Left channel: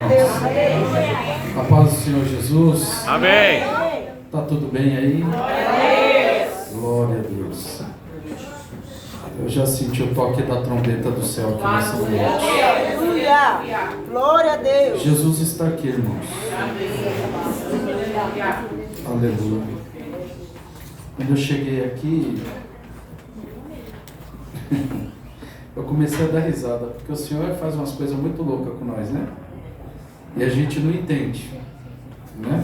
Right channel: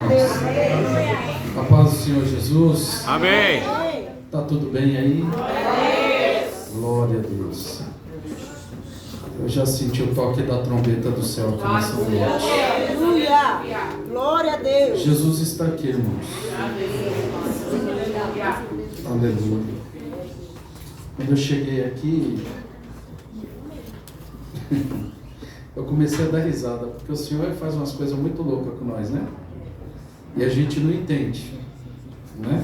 A paz do Senhor Jesus. Amém. Tá tudo bem aí? Glória a Deus. Eu já senti o toque da trombeta do céu aqui nessa noite. Aleluia. Glória a Deus. Jesus está aqui, irmãos. Aleluia. Quando eu cheguei aqui, eu comecei a dar risada, porque o Senhor faz umas coisas muito loucas com nós, né? E a gente não entende, né?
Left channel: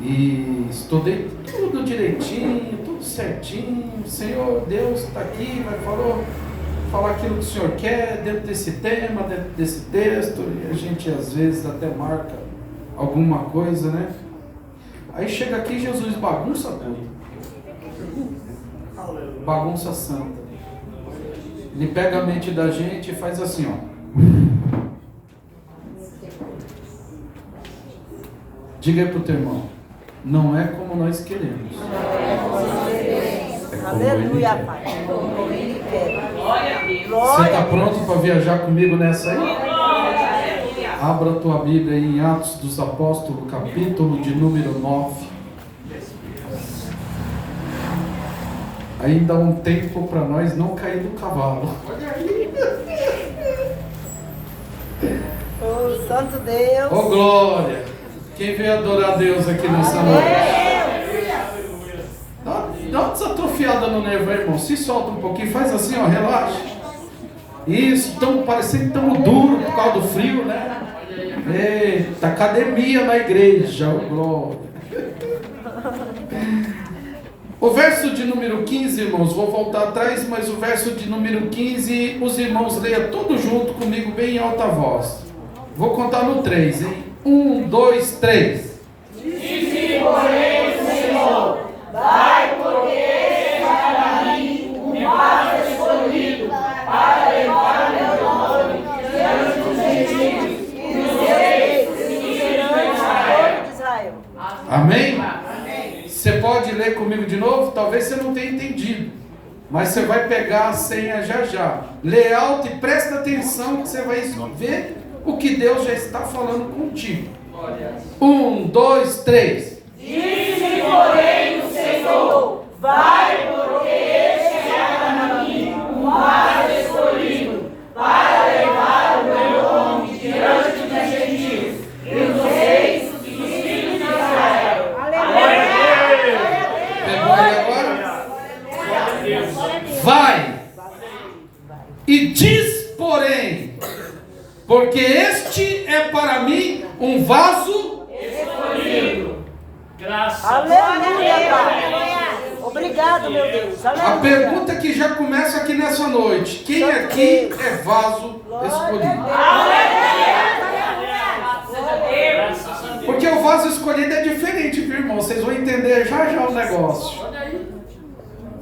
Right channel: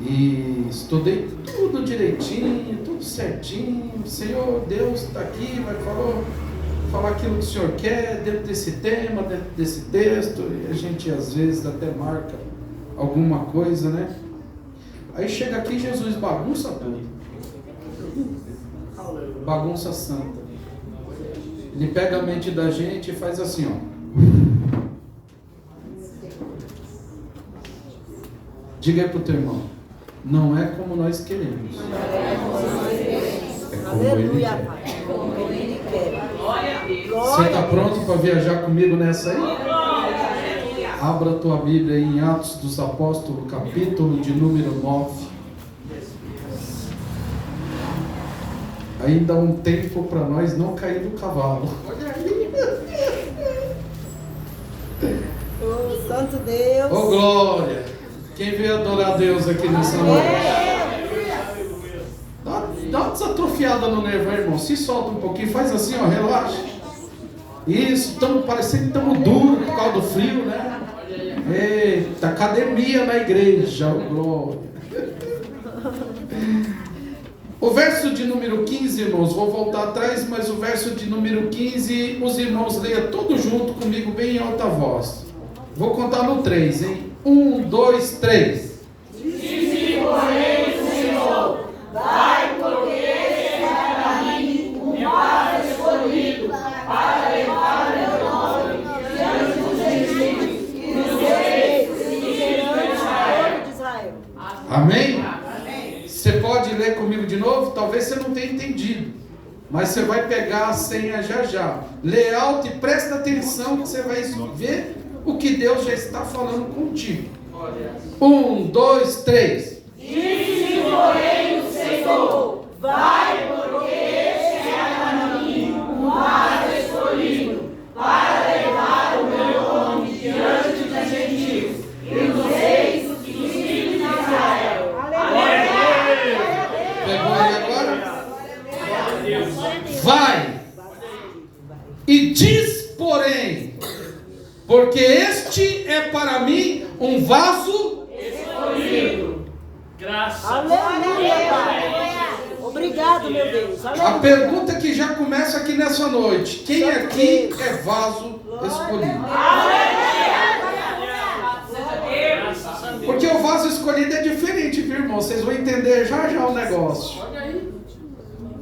E estudei tudo direitinho, tudo certinho. O Senhor, Deus está aqui, vai falar aquilo que o Senhor quer, dentro desse tema, dentro desse texto. E a gente às vezes até marca alguma coisa, né? Aí chega aqui, Jesus bagunça tudo. Bagunça santa. Ele pega a mente da gente e faz assim, ó. Diga aí pro teu irmão, não é como nós queremos. É como Ele quer. Como Ele quer. Você está pronto para viajar comigo nessa aí? Abra a tua Bíblia aí em Atos dos Apóstolos, capítulo de número 9. Ainda há um tempo para nós não cair do cavalo. Oh, Santo Deus. Oh, glória! Quem veio adorar a Deus aqui nessa noite? Dá uma desatrofiada no nervo aí, irmão. Se solta um pouquinho, faz assim, ó, relaxa. Isso, parecendo que estamos duros por causa do frio, né? Eita, academia na igreja, oh, glória. O verso de número 15, irmãos, vou voltar atrás, mas o verso de número 15, os irmãos leiam tudo junto comigo, bem em alta voz. Vou contar no 3, hein? 1, 2, 3. Disse, porém, o Senhor, dai porque este é para mim um vaso escolhido para levar meu nome diante dos gentios e dos reis e dos filhos de Israel. Amém? Você pode ler comigo de novo? Talvez você não tenha entendido, mas você vai pegar a senha já já. Lê alto e presta atenção que você vai ver o que Deus já está falando contigo. 1, 2, 3. Disse, porém, o Senhor, vai porque este é para mim um vaso escolhido para levar o meu nome diante dos gentios e dos reis e dos filhos de Israel. Pegou aí agora? Vai e diz, porém, porque este é para mim um vaso Escolhido. Graças. Aleluia, Pai. Obrigado, meu Deus. Aleluia. A pergunta que já começa aqui nessa noite: quem aqui é vaso escolhido? Porque o vaso escolhido é diferente, viu, irmão? Vocês vão entender já já o negócio.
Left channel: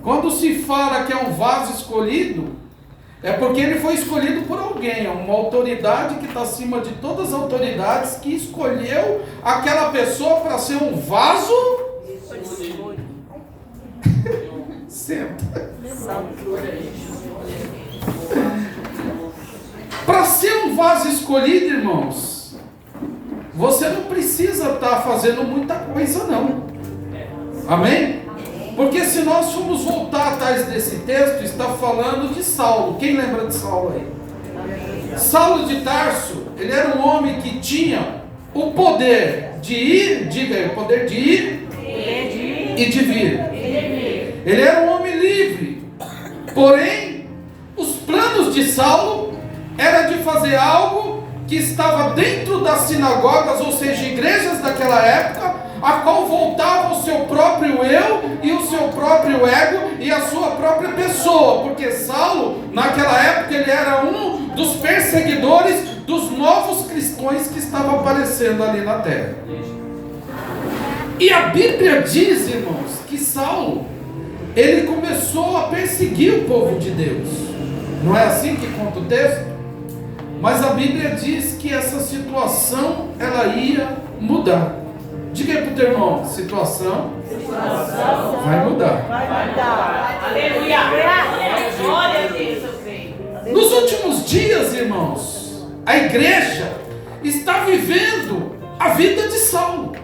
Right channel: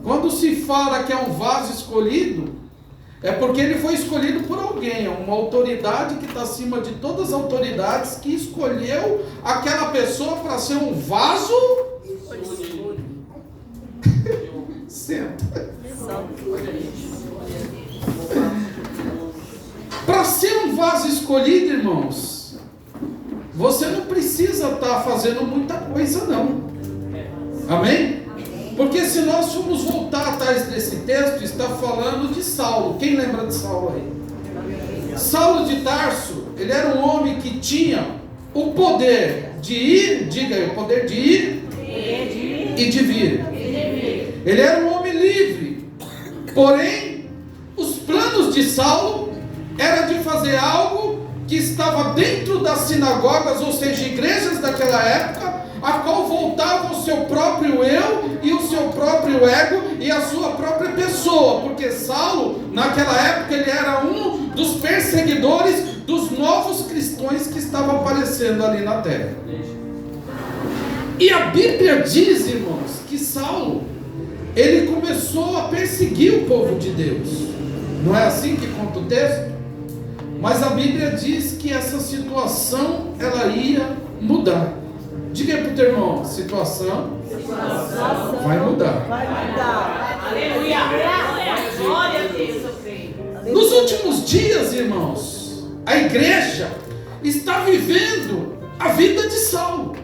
Quando se fala que é um vaso escolhido, é porque ele foi escolhido por alguém, uma autoridade que está acima de todas as autoridades, que escolheu aquela pessoa para ser um vaso. Senta. Para ser um vaso escolhido, irmãos, você não precisa estar fazendo muita coisa, não. Amém? Porque se nós formos voltar atrás desse texto, está falando de Saulo. Quem lembra de Saulo aí? Saulo de Tarso, ele era um homem que tinha o poder de ir, diga aí, o poder de ir e de vir. Ele era um homem livre. Porém, os planos de Saulo era de fazer algo que estava dentro das sinagogas, ou seja, igrejas daquela época, a qual voltava o seu próprio eu e o seu próprio ego e a sua própria pessoa, porque Saulo, naquela época, ele era um dos perseguidores dos novos cristãos que estavam aparecendo ali na terra. E a Bíblia diz, irmãos, que Saulo, ele começou a perseguir o povo de Deus. Não é assim que conta o texto? Mas a Bíblia diz que essa situação, ela ia mudar. Diga para o teu irmão, situação vai mudar. Vai mudar. Aleluia. Glória a Deus, eu creio. Nos últimos dias, irmãos, a igreja estava vivendo a vida de Saulo.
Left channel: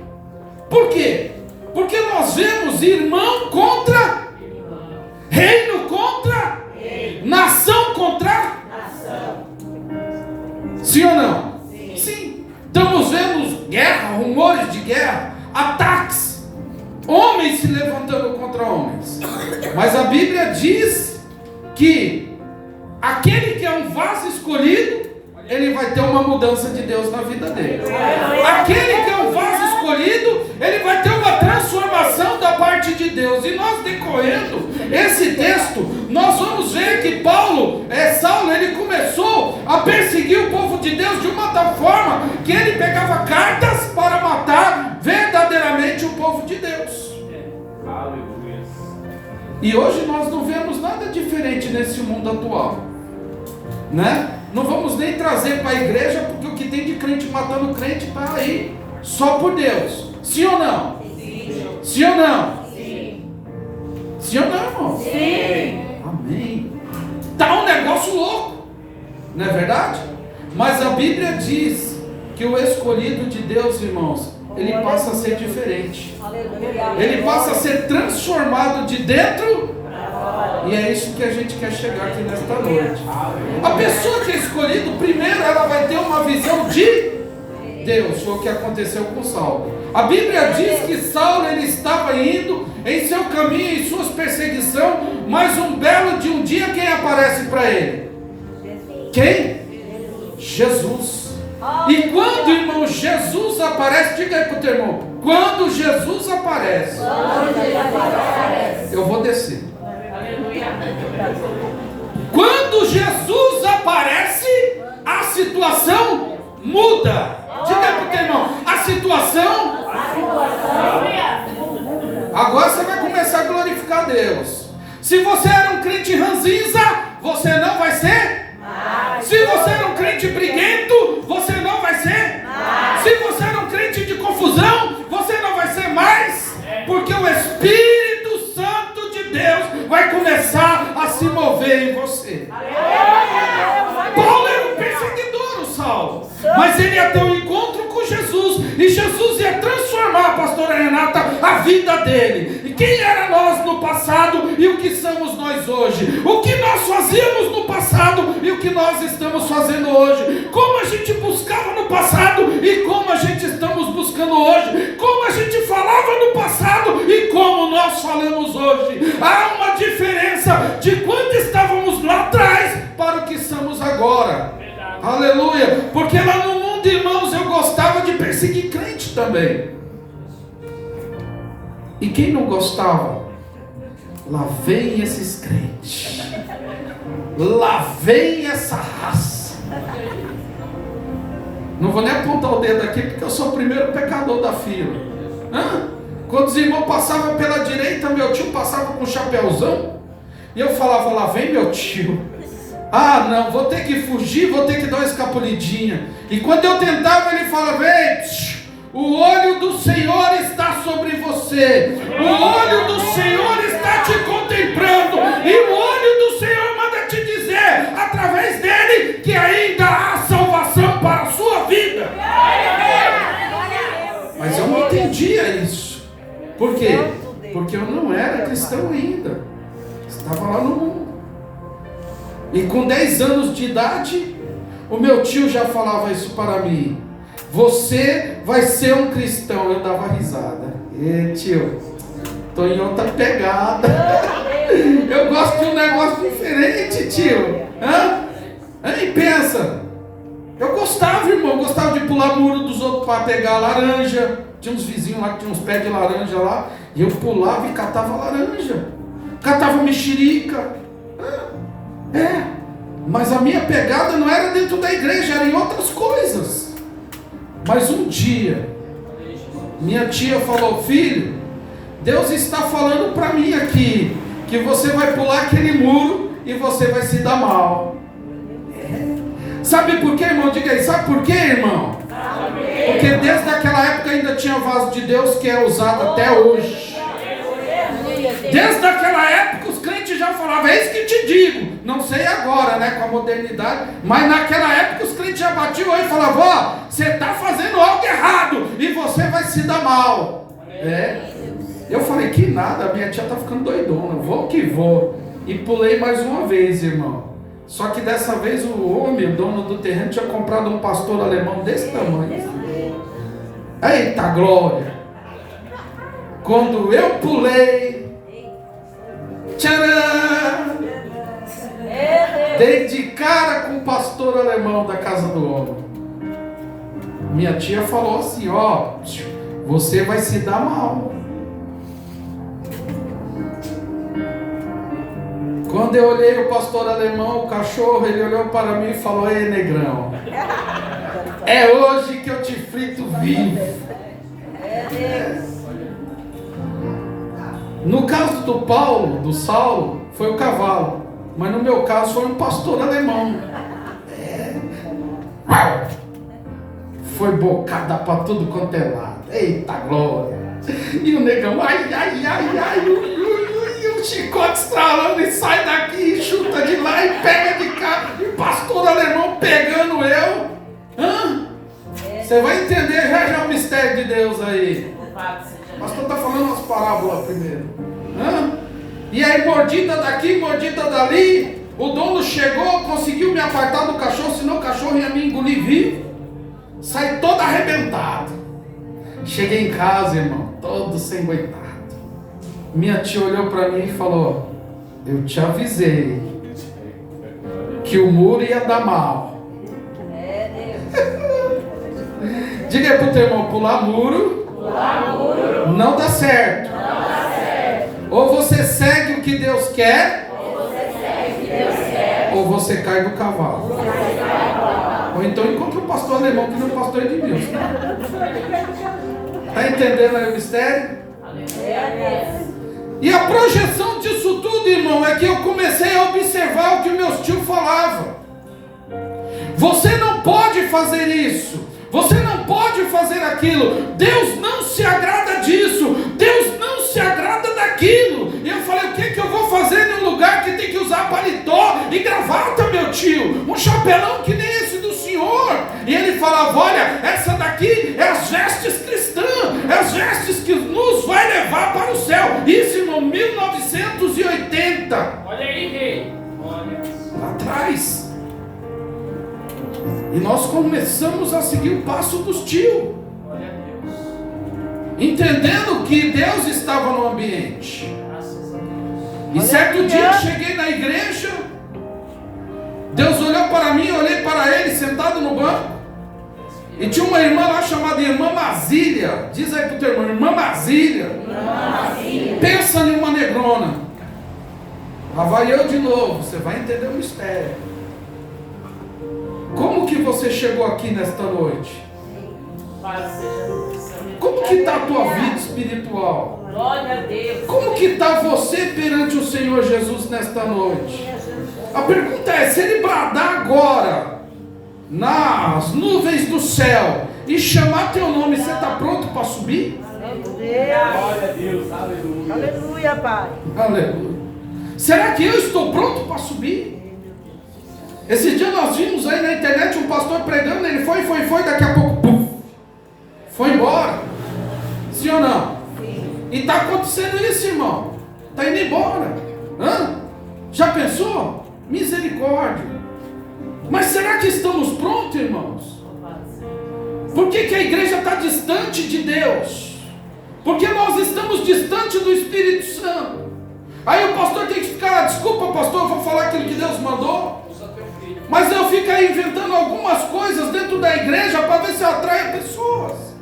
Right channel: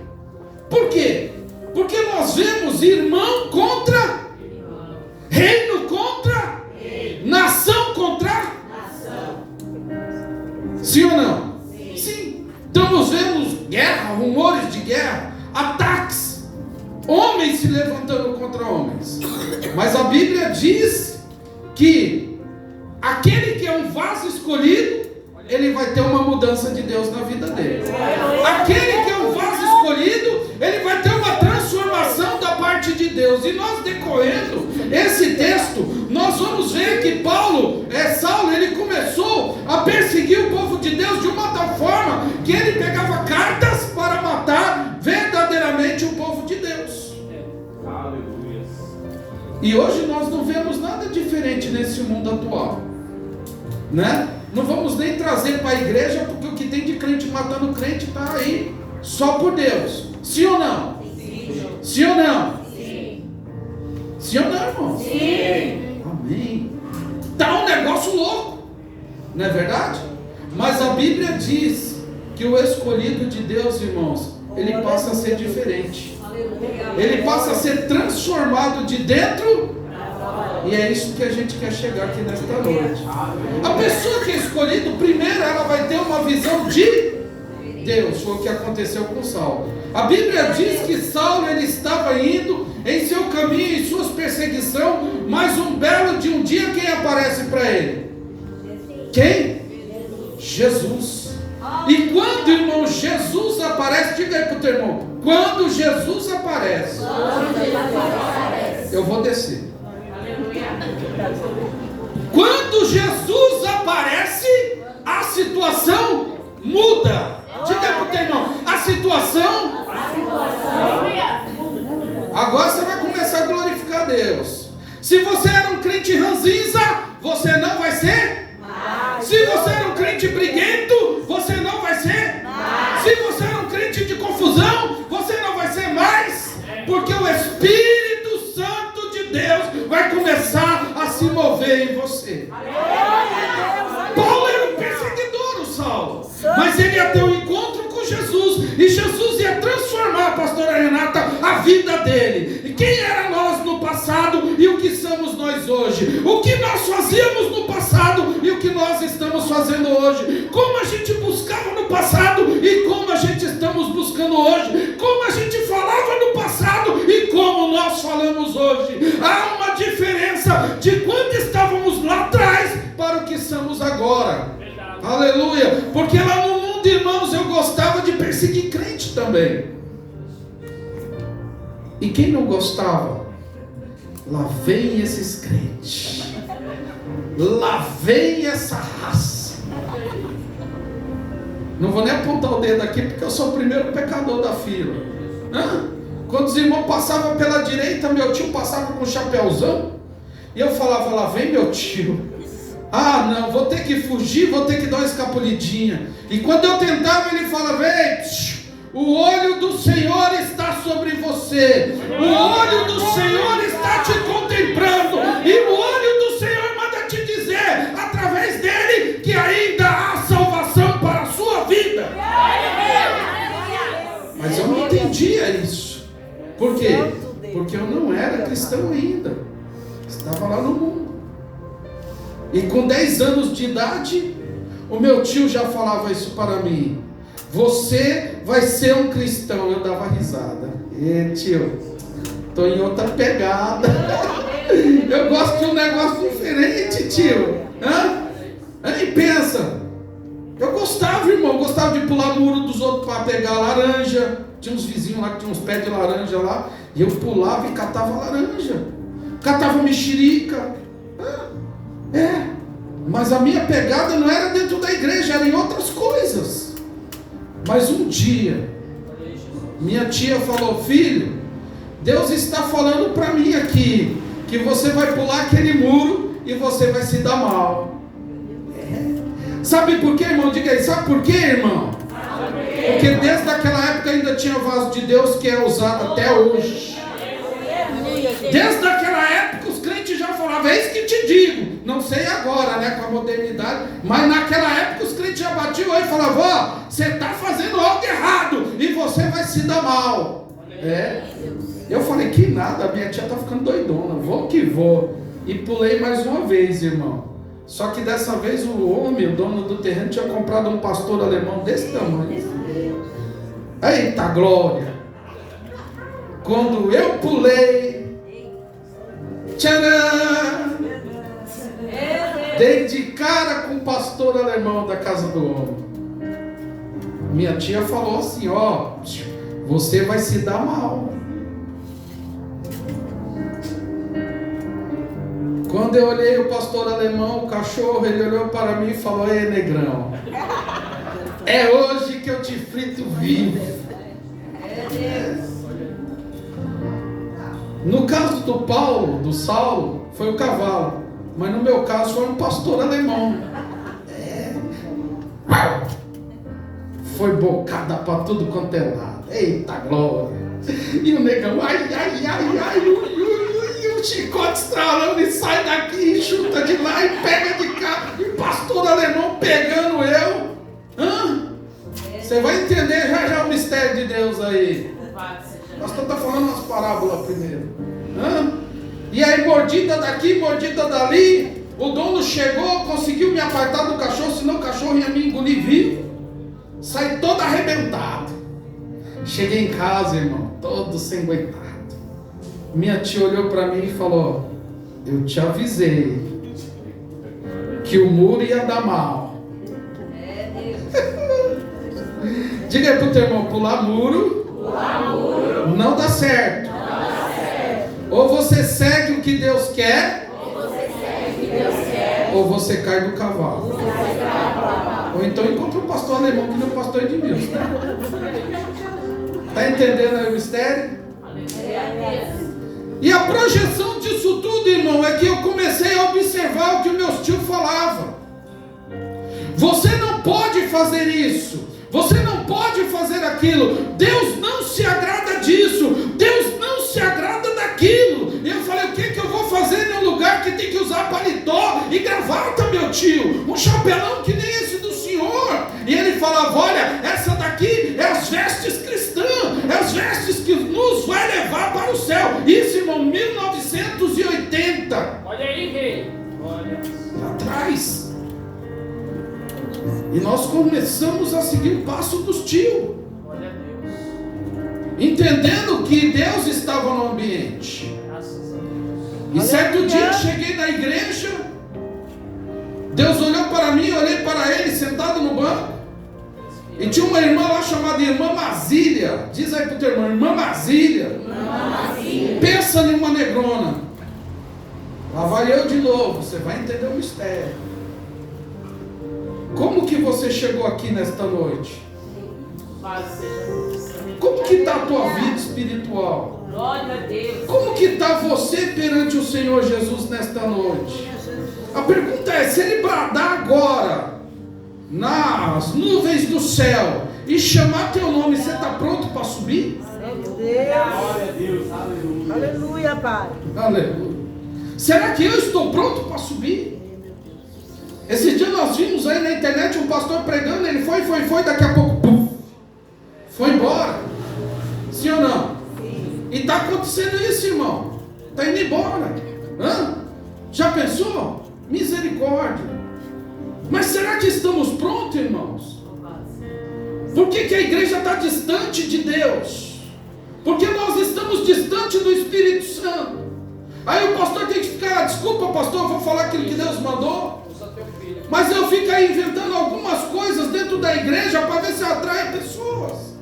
Por quê? Porque nós vemos irmão contra reino contra nação contra nação. Sim ou não? Sim. Estamos vendo guerra, rumores de guerra, ataques, homens se levantando contra homens. Mas a Bíblia diz que aquele que é um vaso escolhido, ele vai ter uma mudança de Deus na vida dele. Aquele que é um vaso escolhido, ele vai ter uma transformação da parte de Deus. E nós decorrendo esse texto, nós vamos ver que Saulo, ele começou a perseguir o povo de Deus de uma tal forma que ele pegava cartas para matar verdadeiramente o povo de Deus. E hoje nós não vemos nada diferente nesse mundo atual, né? Não vamos nem trazer para a igreja, porque o que tem de crente matando crente está aí, só por Deus. Sim ou não? Sim. Sim ou não? Sim. Sim ou não, irmão? Sim. Amém. Está um negócio louco, não é verdade? Mas a Bíblia diz que o escolhido de Deus, irmãos, ele passa a ser diferente. Ele passa a ser transformado de dentro. E é isso que a gente quer chegar aqui nesta noite. A pessoa que é escolhida, primeiro ela vai ter uma visão de Deus. Foi o que aconteceu com Saulo. A Bíblia diz que Saulo, ele estava indo em seu caminho, em suas perseguições, mas um belo de um dia, quem aparece para ele? Quem? Jesus. E quando, irmão, Jesus aparece, diga aí para o teu irmão, quando Jesus aparece, eu vou descer. Quando Jesus aparece, a situação muda. Diga para o teu irmão, a situação. Agora você vai começar a glorificar Deus. Se você era um crente ranzinza, você não vai ser. Se você era um crente briguento, você não vai ser. Se você era um crente de confusão, você não vai ser mais. Porque o Espírito Santo de Deus vai começar a se mover em você. Paulo era um perseguidor, o Saulo, mas ele ia ter um encontro com Jesus, e Jesus ia transformar, pastora Renata, a vida dele. E quem era nós no passado e o que somos nós hoje? O que nós fazíamos no passado e o que nós estamos fazendo hoje? Como a gente buscava no passado e como a gente estamos buscando hoje? Como a gente falava no passado e como nós falamos hoje? Há uma diferença de quando estávamos lá atrás para o que somos agora. Aleluia. Porque lá no mundo, irmãos, eu gostava de perseguir crente também. E quem não gostava? Lá vem esses crentes. Lá vem essa raça. Não vou nem apontar o dedo aqui, porque eu sou o primeiro pecador da fila. Quando os irmãos passavam pela direita, meu tio passava com um chapéuzão, e eu falava, lá vem meu tio. Ah, não, vou ter que fugir, vou ter que dar uma escapulidinha. E quando eu tentava, ele falava, ei, o olho do Senhor está sobre você. O olho do Senhor está te contemplando. E o olho do Senhor manda te dizer, através dele, que ainda há salvação para a sua vida. Mas eu não entendia isso. Por quê? Porque eu não era cristão ainda. Estava lá no mundo. E com 10 anos de idade, o meu tio já falava isso para mim. Você vai ser um cristão. Eu dava risada. E tio, estou em outra pegada. Eu gosto de um negócio diferente, tio. E pensa. Eu gostava, irmão. Eu gostava de pular o muro dos outros para pegar laranja. Tinha uns vizinhos lá que tinham uns pés de laranja lá. E eu pulava e catava laranja. Catava mexerica. Mas a minha pegada não era dentro da igreja, era em outras coisas. Mas um dia, minha tia falou, filho, Deus está falando para mim aqui, que você vai pular aquele muro e você vai se dar mal. Sabe por quê, irmão? Diga aí, sabe por quê, irmão? Porque desde aquela época ainda tinha vaso de Deus que é usado até hoje. Desde aquela época os crentes já falavam, é isso que te digo, não sei agora, né, com a modernidade, mas naquela época os crentes já batiam e falavam: ó, você está fazendo algo errado e você vai se dar mal. Eu falei: que nada, minha tia está ficando doidona, vou que vou. E pulei mais uma vez, irmão. Só que dessa vez o homem, o dono do terreno, tinha comprado um pastor alemão desse tamanho. Eita glória! Quando eu pulei, tcharam! Dei de cara com o pastor alemão da casa do homem. Minha tia falou assim: ó, você vai se dar mal. Quando eu olhei o pastor alemão, o cachorro, ele olhou para mim e falou: ei, negrão, é hoje que eu te frito vivo. No caso do Paulo, do Saulo, foi o cavalo, mas no meu caso foi um pastor alemão. Foi bocada para tudo quanto é lado. Eita glória! E o negão, ai, o chicote estralando, e sai daqui, e chuta de lá, e pega de cá, e o pastor alemão pegando eu. Você vai entender já o mistério de Deus aí. O pastor está falando umas parábolas primeiro. E aí, mordida daqui, mordida dali. O dono chegou, conseguiu me apartar do cachorro, senão o cachorro ia me engolir vivo. Saí todo arrebentado. Cheguei em casa, irmão, todo sem aguentar. Minha tia olhou para mim e falou: eu te avisei que o muro ia dar mal. Diga aí pro teu irmão: pular muro não dá certo. Ou você segue o que Deus quer, ou você cai do cavalo. Ou então encontra o pastor alemão, que não é o pastor Edmilson. Está entendendo aí o mistério? E a projeção disso tudo, irmão, é que eu comecei a observar o que meus tios falavam. Você não pode fazer isso, você não pode fazer aquilo, Deus não se agrada disso, Deus não se agrada daquilo. E eu falei: o que eu vou fazer num lugar que tem que usar paletó e gravata, meu tio? Um chapelão que nem esse do senhor. E ele falava: olha, essa daqui é as vestes cristãs, é as vestes que nos vai levar para o céu. Isso, irmão, 1980. Olha aí, rei. Olha. Lá atrás. E nós começamos a seguir o passo dos tios. Glória a Deus. Entendendo que Deus estava no ambiente. Graças a Deus. E certo dia eu cheguei na igreja, Deus olhou para mim, eu olhei para ele sentado no banco, e tinha uma irmã lá chamada Irmã Mazília. Diz aí pro teu irmão: Irmã Mazília. Pensa em uma negrona. Lá vai eu de novo, você vai entender o mistério. Como que você chegou aqui nesta noite? Como que está a tua vida espiritual? Glória a Deus. Como que está você perante o Senhor Jesus nesta noite? A pergunta é: se Ele bradar agora nas nuvens do céu e chamar teu nome, você está pronto para subir? Glória a Deus. Aleluia. Aleluia, Pai. Aleluia. Será que eu estou pronto para subir? Esse dia nós vimos aí na internet um pastor pregando, ele foi, daqui a pouco, puf, foi embora. Sim ou não? Sim. E está acontecendo isso, irmão. Está indo embora. Já pensou? Misericórdia. Mas será que estamos prontos, irmãos? Por que a igreja está distante de Deus? Porque nós estamos distante do Espírito Santo. Aí o pastor tem que ficar: desculpa, pastor, eu vou falar aquilo que Deus mandou. Mas eu fico aí inventando algumas coisas dentro da igreja para ver se eu atraio pessoas.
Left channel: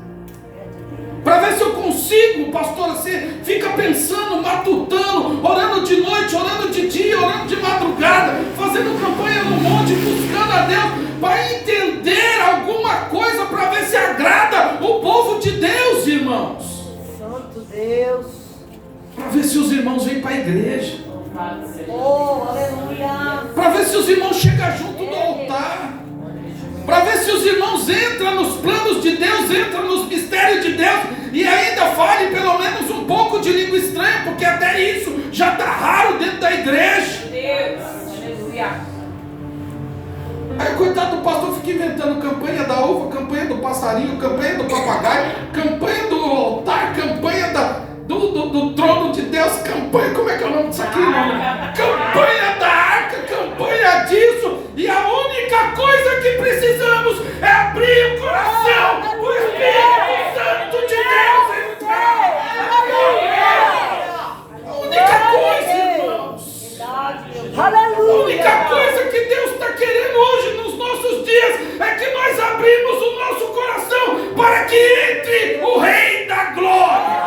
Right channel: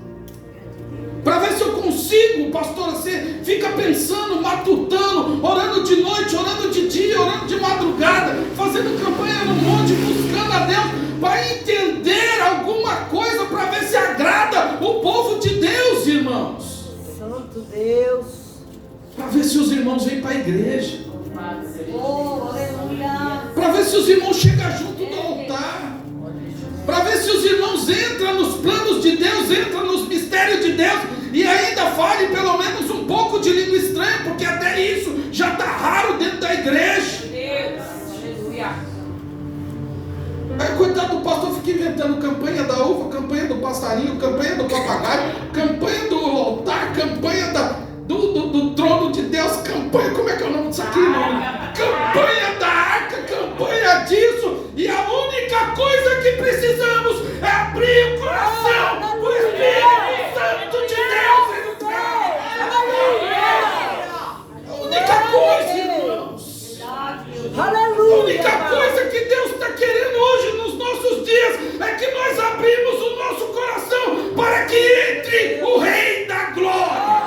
Para ver se eu consigo, pastor, assim, fica pensando, matutando, orando de noite, orando de dia, orando de madrugada, fazendo campanha no monte, buscando a Deus, para entender alguma coisa, para ver se agrada o povo de Deus, irmãos. Santo Deus. Para ver se os irmãos vêm para a igreja. Aleluia. Para ver se os irmãos chegam junto do altar. Para ver se os irmãos entram nos planos de Deus, entram nos mistérios de Deus e ainda falem pelo menos um pouco de língua estranha, porque até isso já está raro dentro da igreja. o pastor fica inventando campanha da uva, campanha do passarinho, campanha do papagaio, campanha do altar, campanha do trono de Deus, campanha, como é que é o nome disso aqui, irmão? Campanha da arca, campanha disso, e a única coisa que precisamos é abrir o coração, o Espírito Santo de Deus entrar. A única coisa, irmãos. A única coisa que Deus está querendo hoje nos nossos dias é que nós abrimos o nosso coração para que entre o Rei da Glória.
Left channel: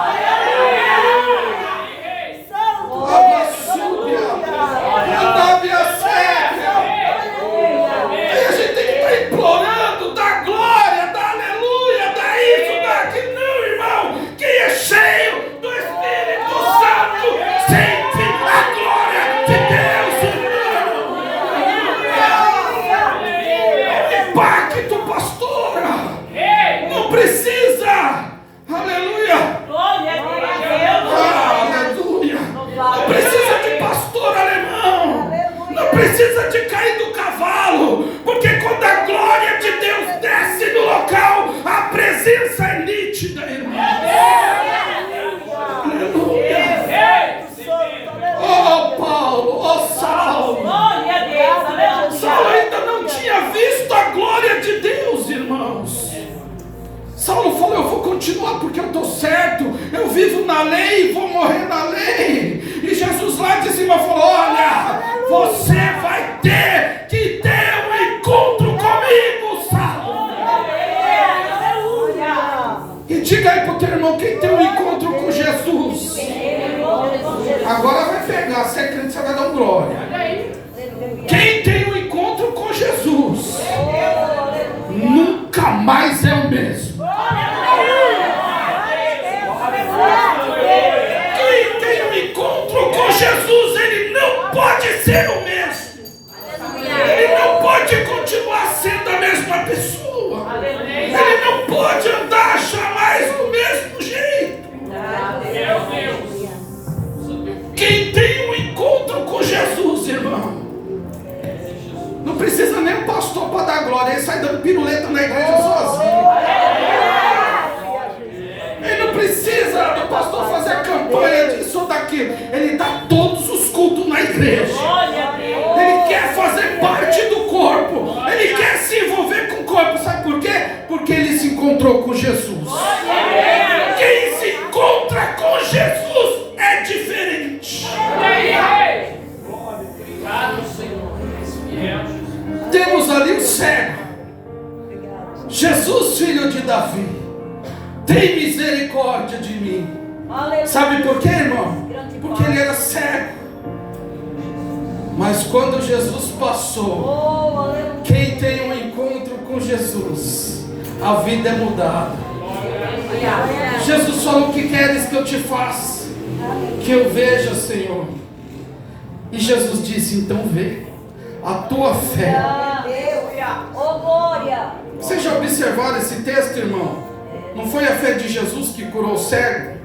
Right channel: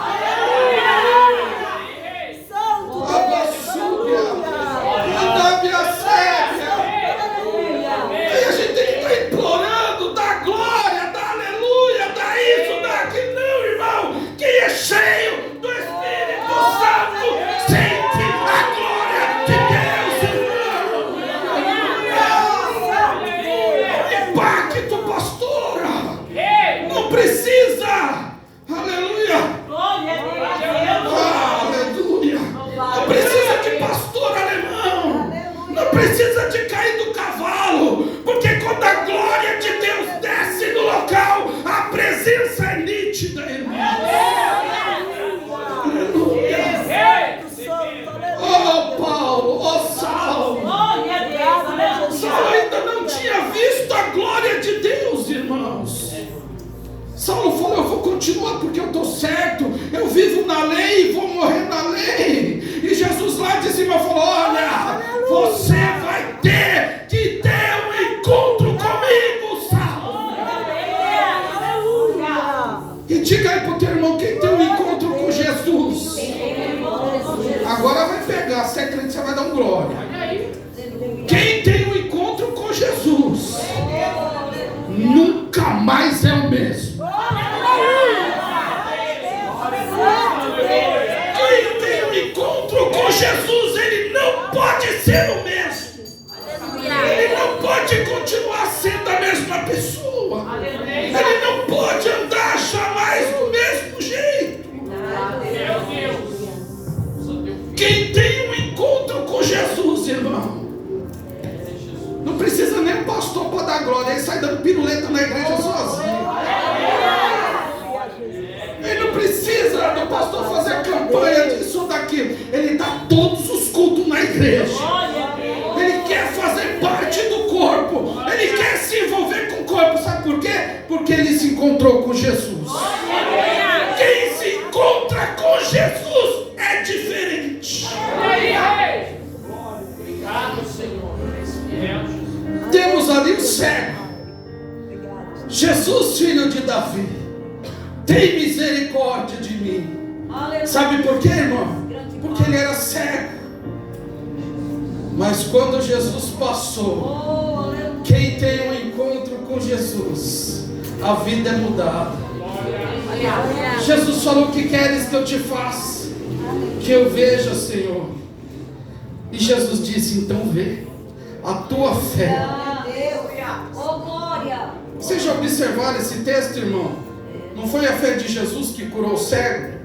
A gente tem que estar implorando da glória, da aleluia, da isso, daquilo, não, irmão. Quem é cheio do Espírito Santo sente a glória de Deus, irmão. Impacto, pastora. Não precisa, aleluia. Aleluia. Não precisa de pastor alemão. Não precisa de cair do cavalo. Porque quando a glória de Deus desce no local, a presença é nítida, irmão. Aleluia. Oh, Paulo, oh, Saulo. Saulo ainda não tinha visto a glória de Deus, irmãos. Saulo falou: eu vou continuar porque eu estou certo, eu vivo na lei e vou morrer na lei. E Jesus lá de cima falou: olha, você vai ter que ter um encontro comigo, Saulo. E diga aí para o teu irmão: quem tem um encontro com Jesus, agora vai pegar, se é crente você vai dar um glória. Quem tem um encontro com Jesus nunca mais é o mesmo. Quem tem um encontro com Jesus, ele não pode ser o mesmo. Ele não pode continuar sendo a mesma pessoa. Ele não pode andar jamais do mesmo jeito. Quem tem um encontro com Jesus, irmão, não precisa nem o pastor para dar glória. Ele sai dando piruleta na igreja sozinho. Ele não precisa do pastor fazer campanha disso ou daquilo. Ele dá todos os cultos na igreja. Ele quer fazer parte do corpo. Ele quer se envolver com o corpo. Sabe por quê? Porque ele se encontrou com Jesus. Quem se encontra com Jesus é diferente. Temos ali o cego. Jesus, filho de Davi, tem misericórdia de mim. Sabe por quê, irmão? Porque ele era cego. Mas quando Jesus passou, quem tem um encontro com Jesus, a vida é mudada. Jesus falou: o que queres que eu te faça? Que eu veja, Senhor. E Jesus disse: então vê, a tua fé. Vocês já observaram esse texto, irmão? Não foi a fé de Jesus que curou o cego?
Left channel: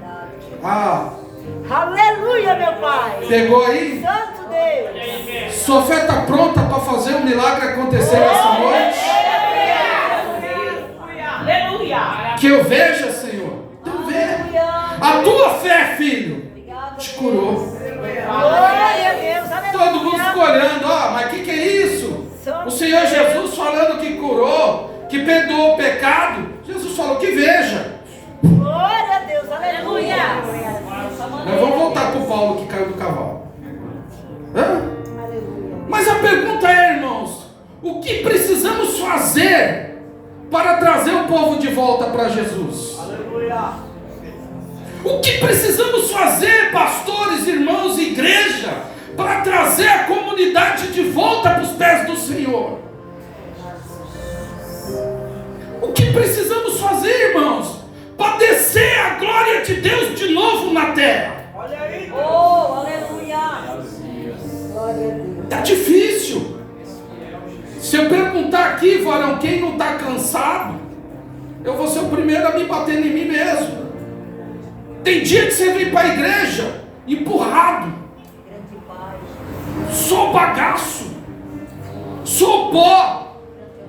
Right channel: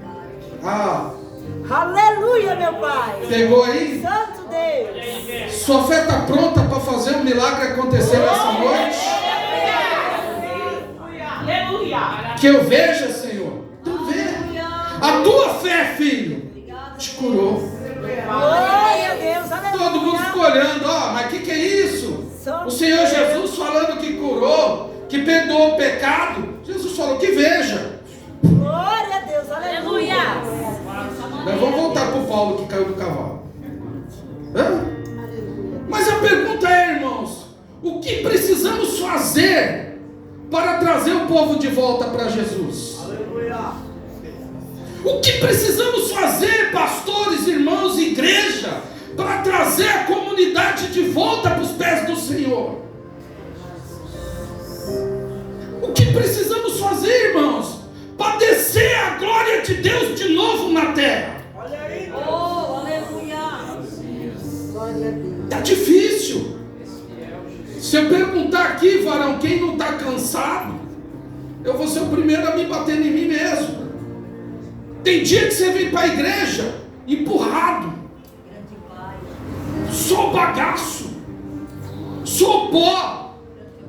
Aleluia, meu Pai. Pegou aí? Santo Deus. Sua fé está pronta para fazer um milagre acontecer essa noite? Que eu veja, Senhor. Tu vê. A tua fé, filho, te curou. Glória a Deus. Aleluia. Todo mundo ficou olhando: mas o que é isso? O Senhor Jesus falando que curou, que perdoou o pecado. Jesus falou que veja. Glória a Deus. Aleluia. Mas vamos voltar para o Paulo que caiu do cavalo. Mas a pergunta é, irmãos, o que precisamos fazer para trazer o povo de volta para Jesus? O que precisamos fazer, pastores, irmãos, igreja, para trazer a comunidade de volta para os pés do Senhor? O que precisamos fazer, irmãos, para descer a glória de Deus de novo na terra? Olha aí. Oh, aleluia. Está difícil. Se eu perguntar aqui, varão, quem não está cansado, eu vou ser o primeiro a me bater em mim mesmo. Tem dia que você vem para a igreja empurrado, só bagaço, só pó.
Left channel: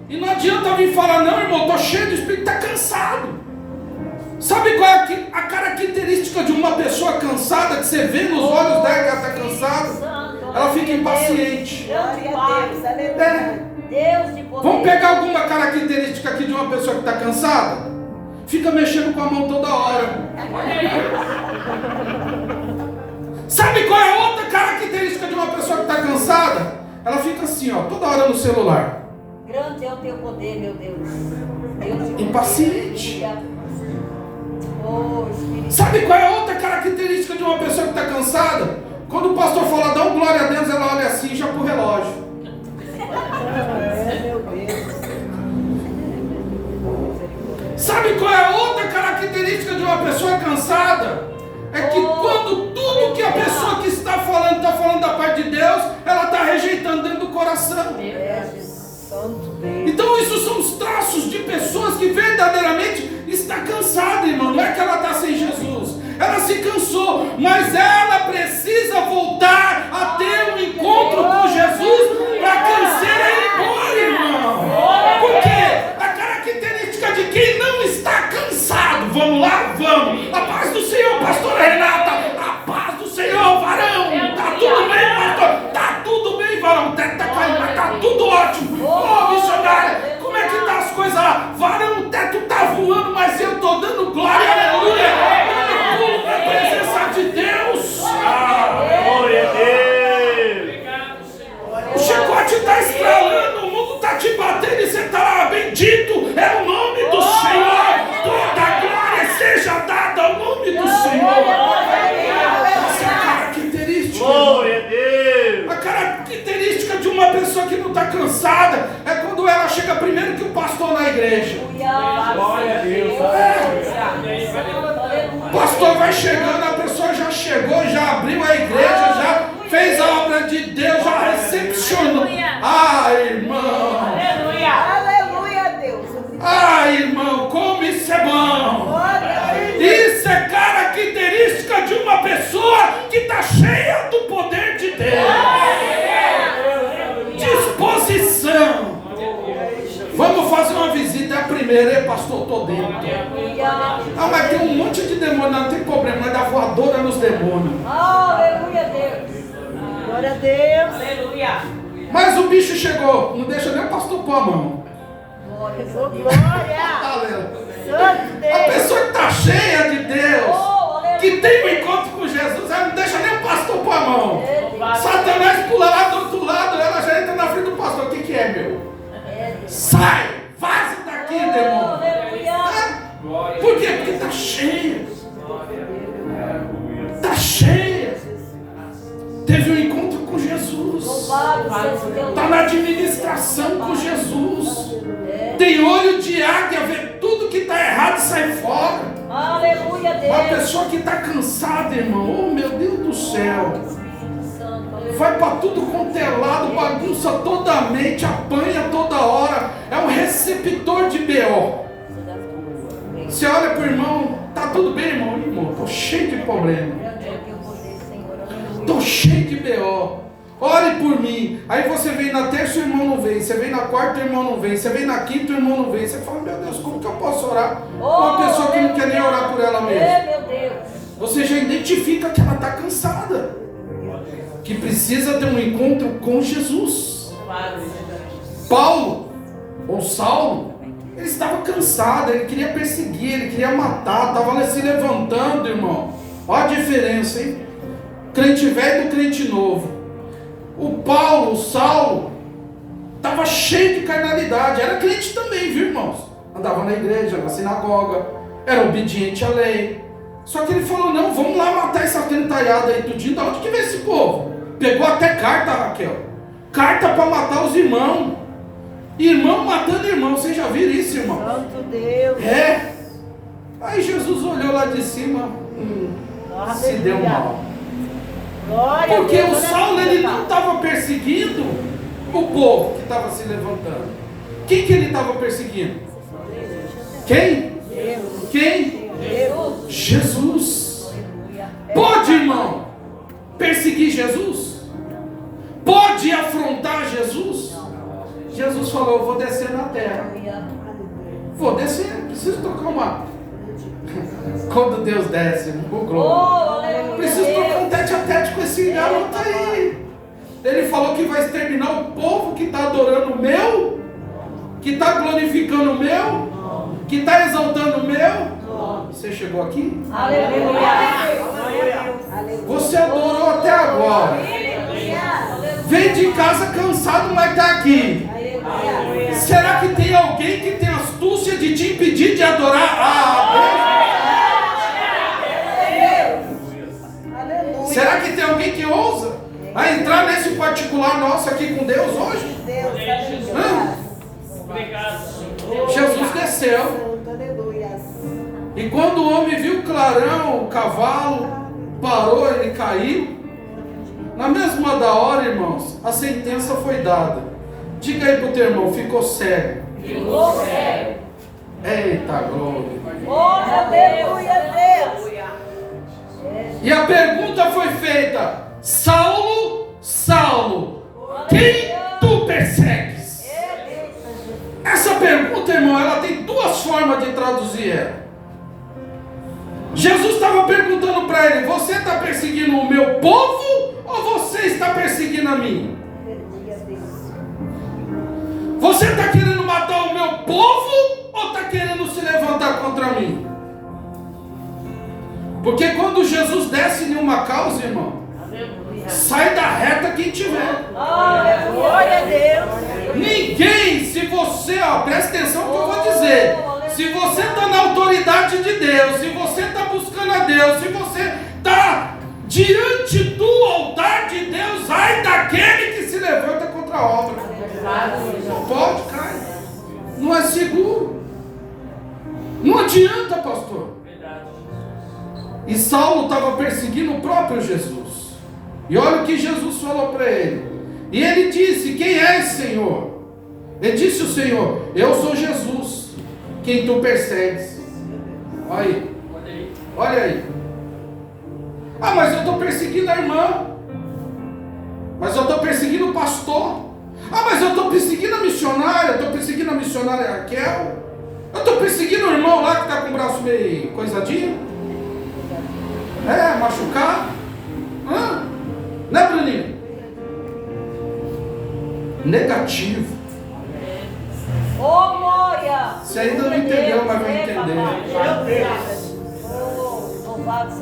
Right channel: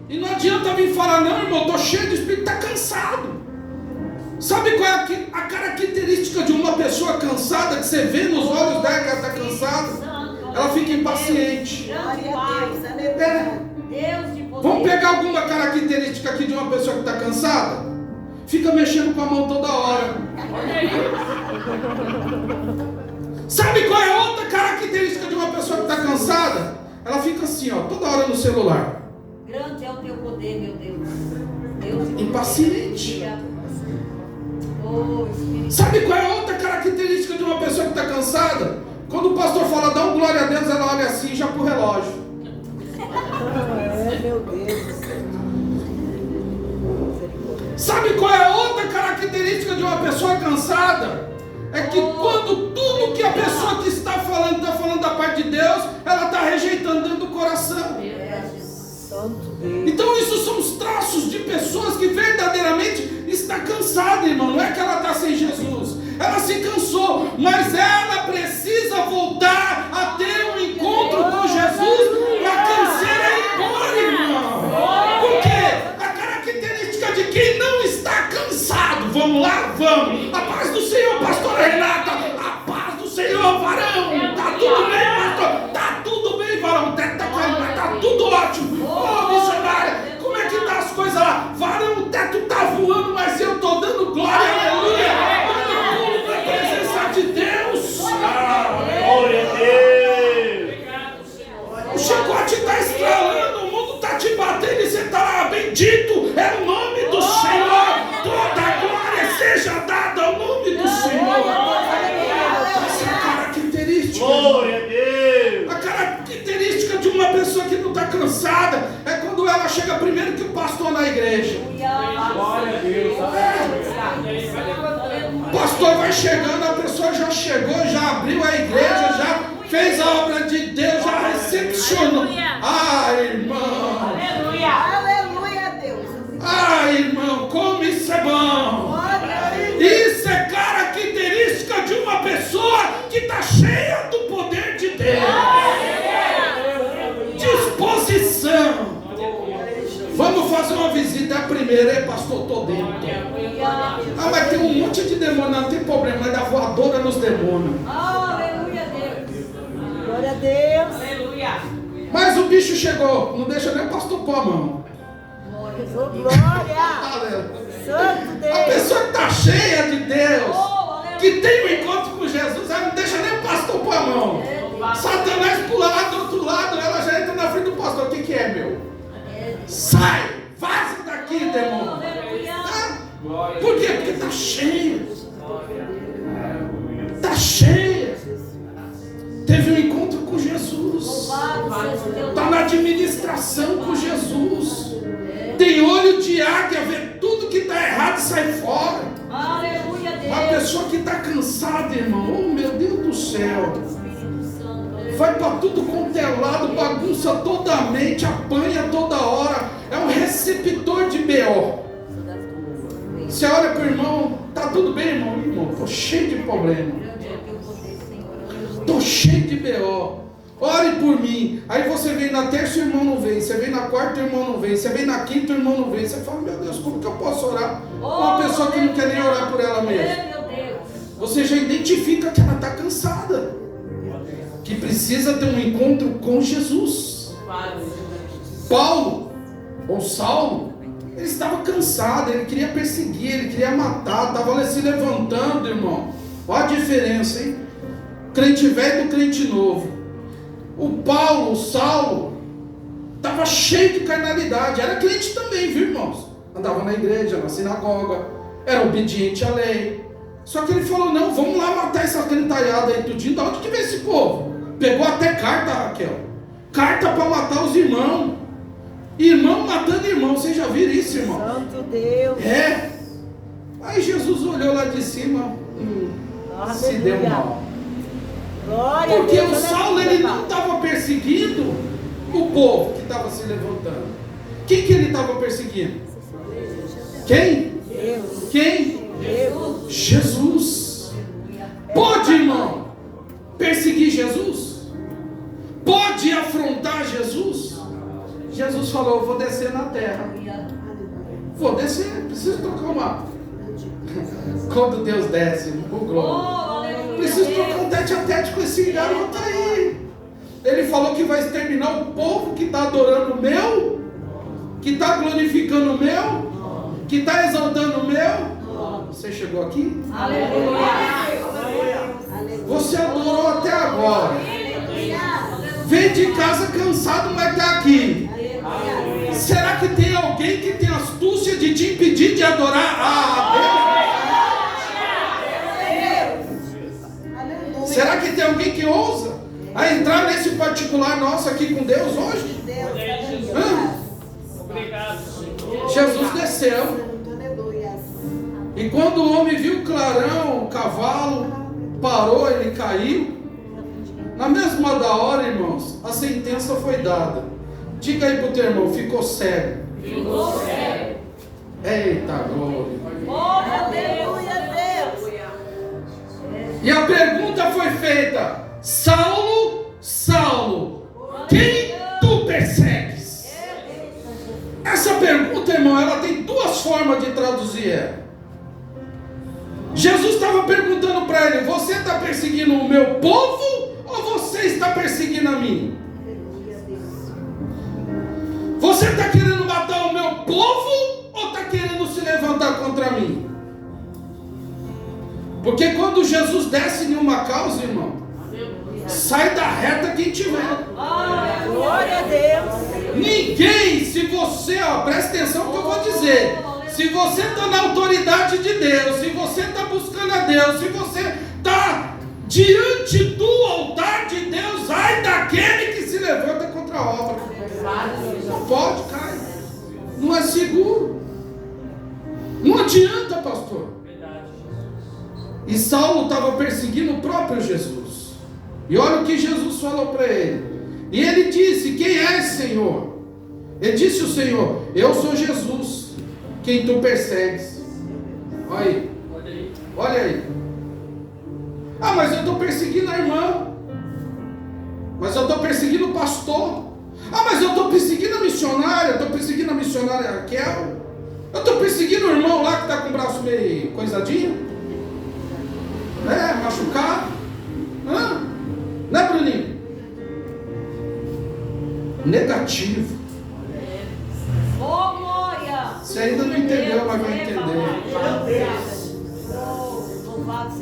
E não adianta vir falar, não, irmão, estou cheio de espírito, está cansado. Sabe qual é a característica de uma pessoa cansada, que você vê nos olhos dela que ela está cansada? Ela fica impaciente. Glória a Deus, aleluia. Deus de poder. Vamos pegar alguma característica aqui de uma pessoa que está cansada? Fica mexendo com a mão toda hora. Sabe qual é a outra característica de uma pessoa que está cansada? Ela fica assim, ó, toda hora no celular. Grande é o teu poder, meu Deus. Impaciente. Oh, Espírito. Sabe qual é a outra característica de uma pessoa que está cansada? Quando o pastor fala, dá um glória a Deus, ela olha assim, já pro relógio. Meu Deus. Sabe qual é a outra característica de uma pessoa cansada? É que quando tudo que a pessoa que está falando da parte de Deus, ela está rejeitando dentro do coração. Então isso são os traços de pessoas que verdadeiramente está cansada, irmão. Não é que ela está sem Jesus. Ela se cansou, mas ela precisa voltar a ter um encontro com Jesus para a canseira ir embora, irmão. Por quê? A característica de quem não está cansado. Vamos lá? Vamos. A paz do Senhor, pastora Renata. A paz do Senhor, varão. Tá tudo bem, pastor? Tá tudo bem, varão. O teto tá caindo, mas tá tudo ótimo. Ô, missionária, como é que tá as coisas lá? Varão, o teto tá voando, mas eu tô dando glória, aleluia. Presença de Deus. Glória a Deus. O chicote está estralando, o mundo está te batendo e você está lá, bendito é o nome do Senhor. Toda a glória seja dada ao nome do Senhor. Essa é a característica. Glória a Deus. A característica de uma pessoa que não está cansada é quando ela chega primeiro que o pastor na igreja. Glória a Deus. O pastor vai chegando, a pessoa já chegou, já abriu a igreja, já fez a obra de Deus, já recepcionou. Ah, irmão! Aleluia, Deus. Ah, irmão, como isso é bom! Isso é característica de uma pessoa que está cheia do poder de Deus. Disposição. Vamos fazer uma visita, é a primeira, hein, pastor? Estou dentro. Ah, mas tem um monte de demônio, não tem problema, mas dá voadora nos demônios. Aleluia, Deus. Glória a Deus. Aleluia. Mas o bicho chegou, não deixa nem o pastor pôr a mão. Glória. Aleluia. Santo A Deus. pessoa que está cheia de Deus, que tem um encontro com Jesus, ela não deixa nem o pastor pôr a mão. Satanás pula lá do outro lado, ela já entra na frente do pastor. O que é, meu? Sai! Vaza daqui, demônio! Por quê? Porque está cheia. Está cheia. Teve um encontro com Jesus. Está na administração com Jesus. Tem olho de águia, vê tudo que está errado e sai fora. Aleluia, Uma Deus. pessoa que está cansada, irmão, oh meu Deus do céu, vai para tudo quanto é lado, bagunça toda a mente, apanha toda hora, é um receptor de B.O. Você olha para o irmão, tá tudo bem, irmão? Irmão, estou cheio de problema, estou cheio de B.O. Ore por mim. Aí você vem na terça, o irmão não vem. Você vem na quarta, o irmão não vem. Você vem na quinta, o irmão não vem. Você fala, meu Deus, como que eu posso orar por uma pessoa que não quer nem orar por ela mesma? Meu Deus. Você já identifica que ela está cansada, que precisa ter um encontro com Jesus. Paulo, ou Saulo, ele estava cansado, ele queria perseguir, ele queria matar, estava se levantando, irmão. Olha a diferença, hein? Crente velho do crente novo. O Paulo, o Saulo, estava cheio de carnalidade, era crente também, viu, irmãos? Andava na igreja, na sinagoga, era obediente à lei. Só que ele falou, não, vamos lá matar essa gentaiada aí tudinho. De onde que vem esse povo? Pegou até carta, Raquel. Carta para matar os irmãos. Irmão matando irmão. Vocês já viram isso, irmão? Santo Deus. É. Aí Jesus olhou lá de cima, se deu mal. Glória Porque a Deus. o Saulo, ele não estava perseguindo o povo que estava se levantando. Quem que ele estava perseguindo? Quem? Deus. Quem? Deus. Jesus. Pode, irmão, perseguir Jesus? Pode afrontar Jesus? Jesus falou. falou: eu vou descer na terra. Vou descer, preciso tocar uma. Quando Deus desce, o glória. Preciso tocar um tete a tete com esse garoto aí. Ele falou que vai exterminar o povo que está adorando o meu, que está glorificando o meu, que está exaltando o meu. Você chegou aqui? Você adorou até agora. Veio de casa cansado, mas está aqui. Será que tem alguém que tem astúcia de te impedir de adorar a Deus? Será que tem alguém que ousa a entrar nesse particular nosso aqui com Deus hoje? Jesus desceu. E quando o homem viu o clarão, o cavalo parou, ele caiu. Na mesma hora, irmãos, a sentença foi dada. Diga aí pro teu irmão: ficou cego. Ficou cego. Eita glória. Aleluia, Deus. E a pergunta foi feita: Saulo, Saulo, quem tu persegues? Essa pergunta, irmão, ela tem duas formas de traduzir ela. Jesus estava perguntando para ele: você está perseguindo o meu povo ou você está perseguindo a mim? Você está querendo matar o meu povo ou está querendo se levantar contra mim? Porque quando Jesus desce em uma causa, irmão, sai da reta quem tiver. Glória a Deus. Ninguém, se você, presta atenção no que eu vou dizer. Se você está na autoridade de Deus, se você está buscando a Deus, se você está diante do altar de Deus, ai daquele que se levanta contra a obra. Não pode, cair. Não é seguro. Não adianta, pastor. E Saulo estava perseguindo o próprio Jesus. E olha o que Jesus falou para ele. E ele disse: quem és, Senhor? Ele disse o Senhor: eu sou Jesus, quem tu persegues. Olha aí. Olha aí. Ah, mas eu estou perseguindo a irmã. Mas eu estou perseguindo o pastor. Ah, mas eu estou perseguindo a missionária. Estou perseguindo a missionária Raquel. Eu estou perseguindo o irmão lá que está com o braço meio coisadinho. Machucado. Né, Bruninho? Negativo. Você ainda não entendeu, mas vai entender.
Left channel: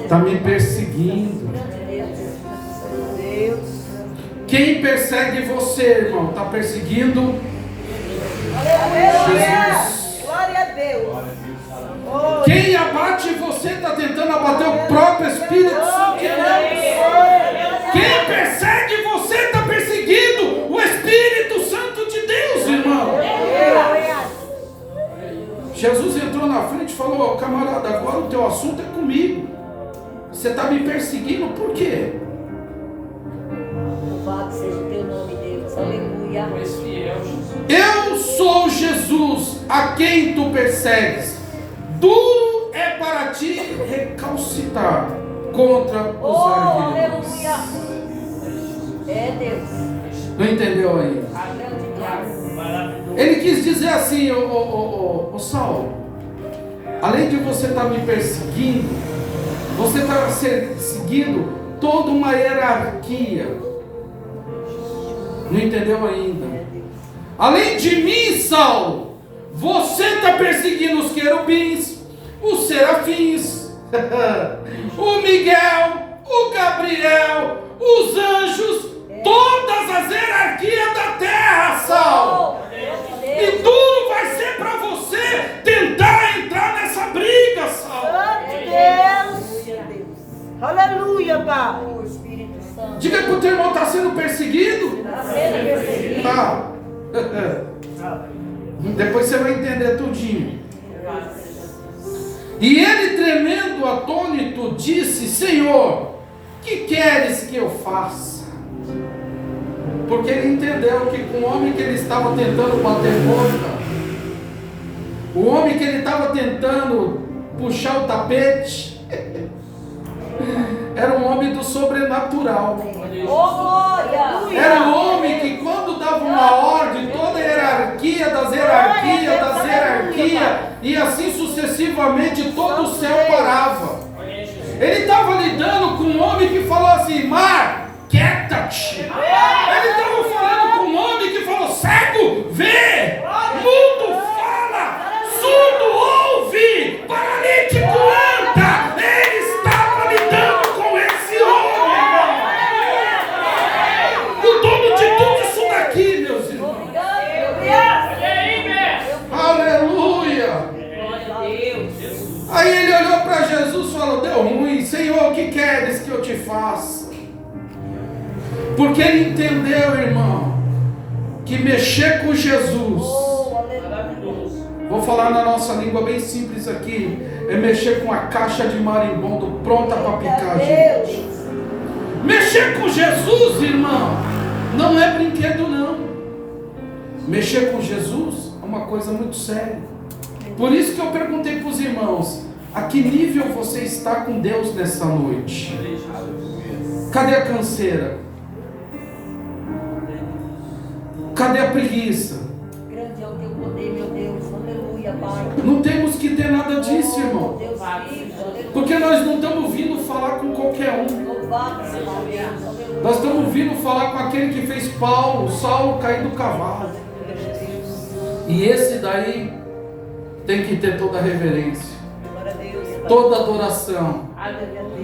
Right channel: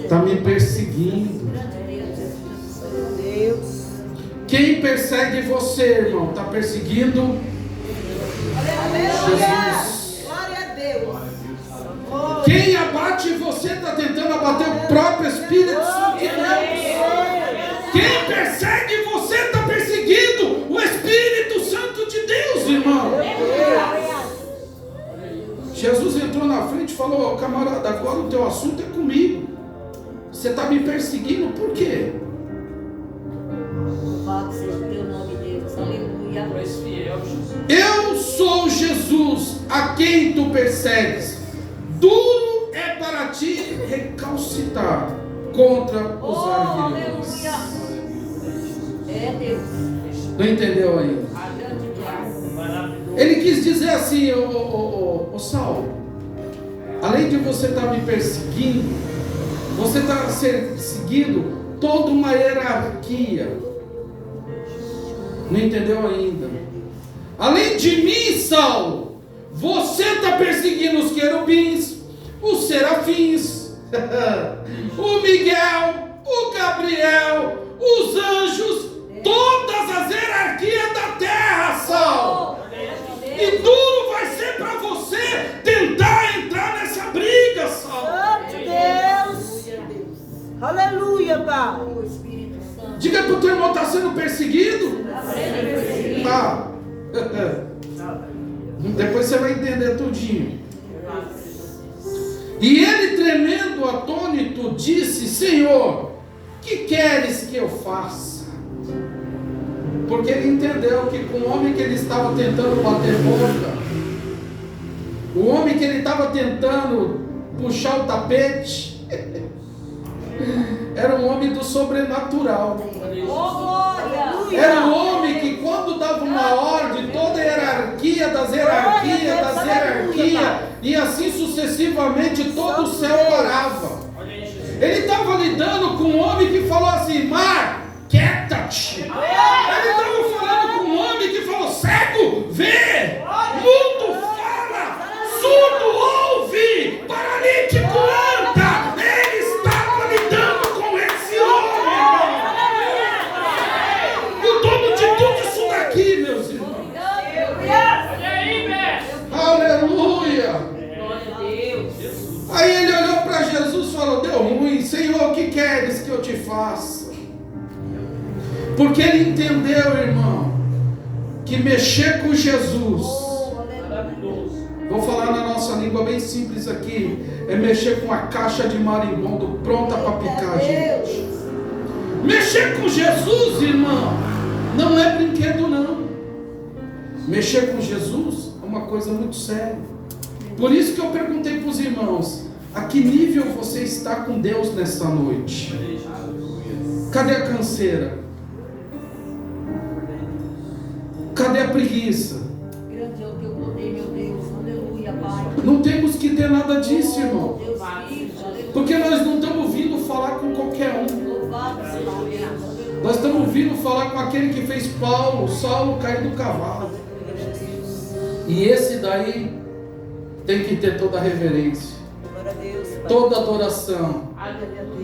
Está me perseguindo. Quem persegue você, irmão, está perseguindo Jesus. Glória a Deus. Quem abate você está tentando abater o próprio Espírito Santo de Deus. Quem persegue você está perseguindo o Espírito Santo de Deus, irmão. Jesus entrou na frente e falou: camarada, agora o teu assunto é comigo. Você está me perseguindo por quê? Louvado seja o teu nome, Deus. Aleluia. Eu sou Jesus a quem tu persegues. Duro é para ti recalcitrar contra os arguilhões. É Deus. Não entendeu ainda? Ele quis dizer assim: ô Saulo, além de você estar me perseguindo, você está seguindo toda uma hierarquia. Não entendeu ainda? Além de mim, Saulo, você está perseguindo os querubins, os serafins, o Miguel, o Gabriel, os anjos, todas as hierarquias da terra, Saulo. E duro vai ser para você tentar entrar nessa briga, Saulo. Deus. Aleluia, Pai. Diga para o teu irmão: está sendo perseguido? Tá. Depois você vai entender tudinho. E ele, tremendo, atônito, disse: Senhor, que queres que eu faça? Porque ele entendeu que com o homem que ele estava tentando bater boca, o homem que ele estava tentando puxar o tapete, era um homem do sobrenatural. Era um homem que, quando dava uma ordem, toda a hierarquia hierarquia, das hierarquias, das hierarquias, e assim sucessivamente todo o céu parava. Ele estava lidando com um homem que falou assim: mar, quieta-te. Ele estava falando com um homem que falou: cego, vê, mudo, fala, surdo, ouve, paralítico, anda. Ele estava lidando com esse homem. O dono de tudo isso daqui, meus irmãos. Aleluia. Aí ele olhou para Jesus e falou: deu ruim, Senhor, o que queres que eu te faça? Porque ele entendeu, irmão, que mexer com Jesus, vou falar na nossa língua bem simples aqui, é mexer com a caixa de marimbondo pronta para picar, gente. Mexer com Jesus, irmão, não é brinquedo não. Mexer com Jesus é uma coisa muito séria. Por isso que eu perguntei para os irmãos: a que nível você está com Deus nesta noite? Cadê a canseira? Cadê a preguiça? Grande é o teu poder, meu Deus. Aleluia, Pai. Não temos que ter nada disso, irmão. Deus vivo, aleluia. Porque nós não estamos vindo falar com qualquer um. Louvado seja Deus. Nós estamos vindo falar com aquele que fez Saulo cair do cavalo. E esse daí tem que ter toda a reverência, Glória a Deus. toda adoração,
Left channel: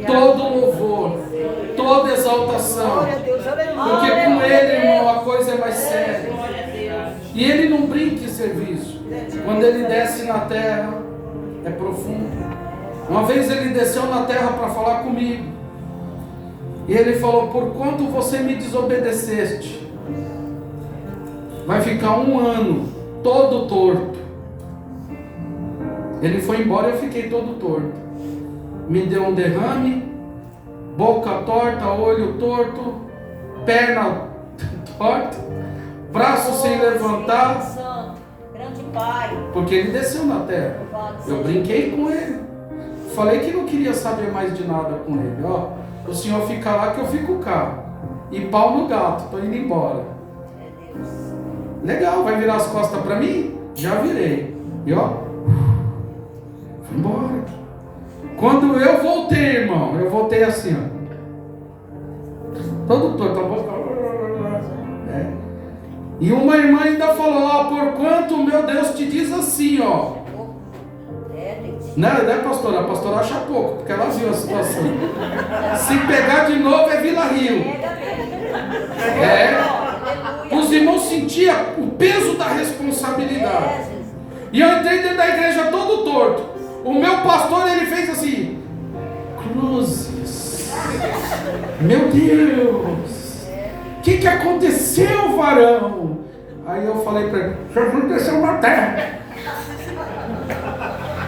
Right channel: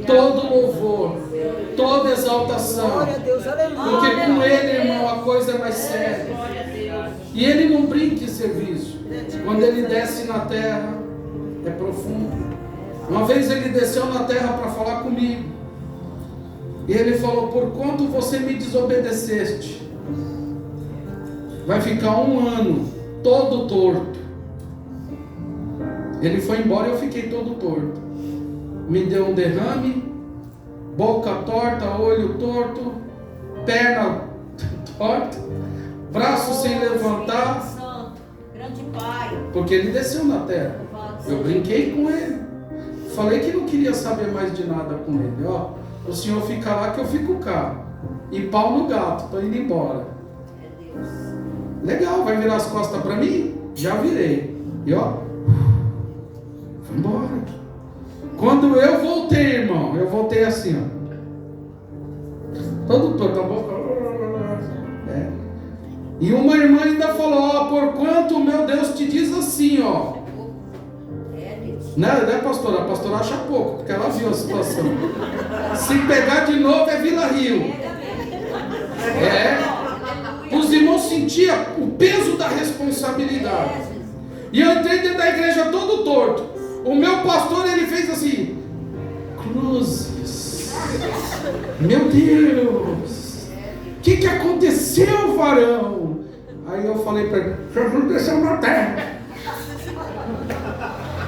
todo louvor, toda exaltação. Glória a Deus, aleluia. Porque com ele, irmão, a coisa é mais séria. E ele não brinca em serviço. Quando ele desce na terra, é profundo. Uma vez ele desceu na terra para falar comigo. E ele falou: por quanto você me desobedeceste, vai ficar 1 ano todo torto. Ele foi embora e eu fiquei todo torto. Me deu um derrame, boca torta, olho torto, perna torta, braço sem levantar. Santo, grande Pai. Porque ele desceu na terra. Eu brinquei com ele. Falei que não queria saber mais de nada com ele. Ó, o senhor fica lá que eu fico cá. E pau no gato, tô indo embora. Legal, vai virar as costas para mim? Já virei. E ó, fui embora. Quando eu voltei, irmão, eu voltei assim, ó. Todo torto, a boca. E uma irmã ainda falou: ó, porquanto meu Deus te diz assim, ó. Né, pastora? A pastora acha pouco, porque ela viu a situação. Se pegar de novo é Vila Rio. Os irmãos sentiam o peso da responsabilidade. E eu entrei dentro da igreja todo torto. O meu pastor, ele fez assim: cruzes. Meu Deus, o que aconteceu, varão? Aí eu falei para ele: Jesus desceu na terra.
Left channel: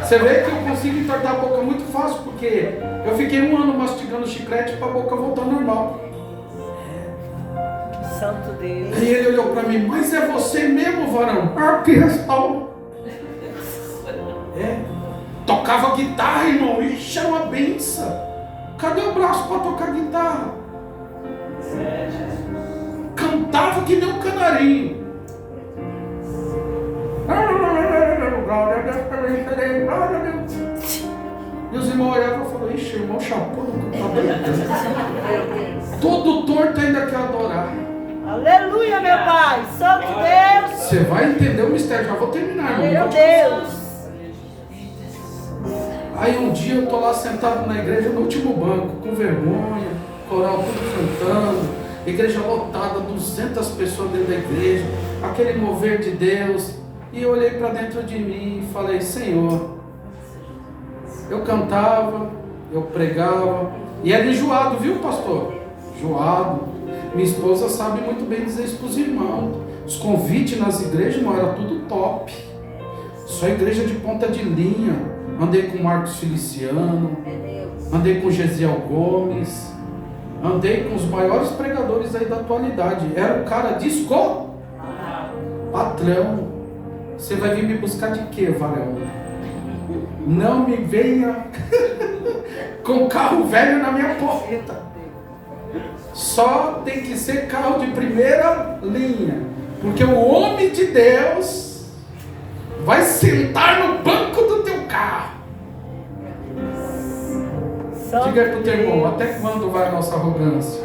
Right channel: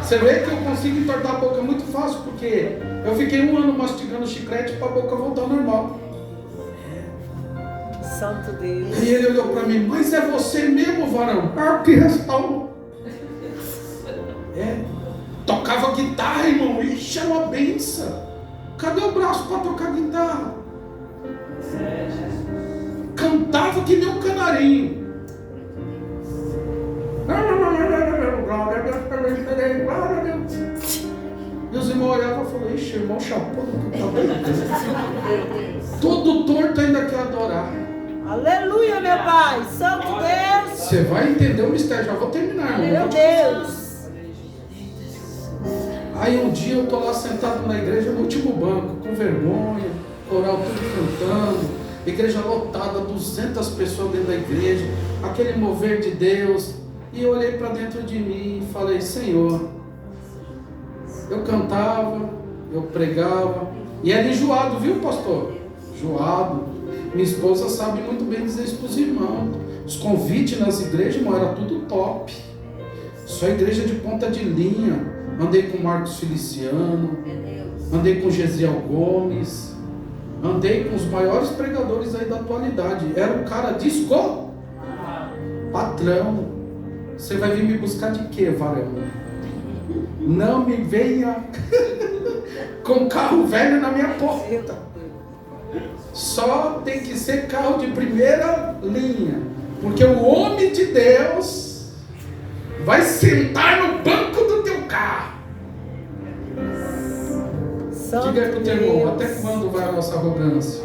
Você vê que eu consigo entortar a boca muito fácil, porque eu fiquei 1 ano mastigando chiclete para a boca voltar ao normal. Santo Deus. E ele olhou para mim: mas é você mesmo, varão? Ah, que responde. Tocava guitarra, irmão. Ixi, é uma benção. Cadê o braço para tocar guitarra? Cantava que nem um canarinho. E os irmãos olhavam e falavam: ixi, irmão chapou. Todo torto ainda quer adorar. Aleluia, meu Pai. Santo Deus. Você vai entender o mistério. Já vou terminar, irmão. Meu Deus. Aí um dia eu estou lá sentado na igreja, no último banco, com vergonha, coral tudo cantando, igreja lotada, 200 pessoas dentro da igreja, aquele mover de Deus. E eu olhei para dentro de mim e falei: Senhor, eu cantava, eu pregava, e era enjoado, viu, pastor? Enjoado. Minha esposa sabe muito bem dizer isso para os irmãos. Os convites nas igrejas, irmão, era tudo top. Só igreja de ponta de linha. Andei com Marcos Feliciano, andei com Gesiel Gomes, andei com os maiores pregadores aí da atualidade. Era o cara de patrão. Você vai vir me buscar de quê, varão? Não me venha com carro velho na minha porta. Só tem que ser carro de primeira linha, Porque o homem de Deus vai sentar no banco do teu carro. Diga aí pro teu irmão, até quando vai a nossa arrogância?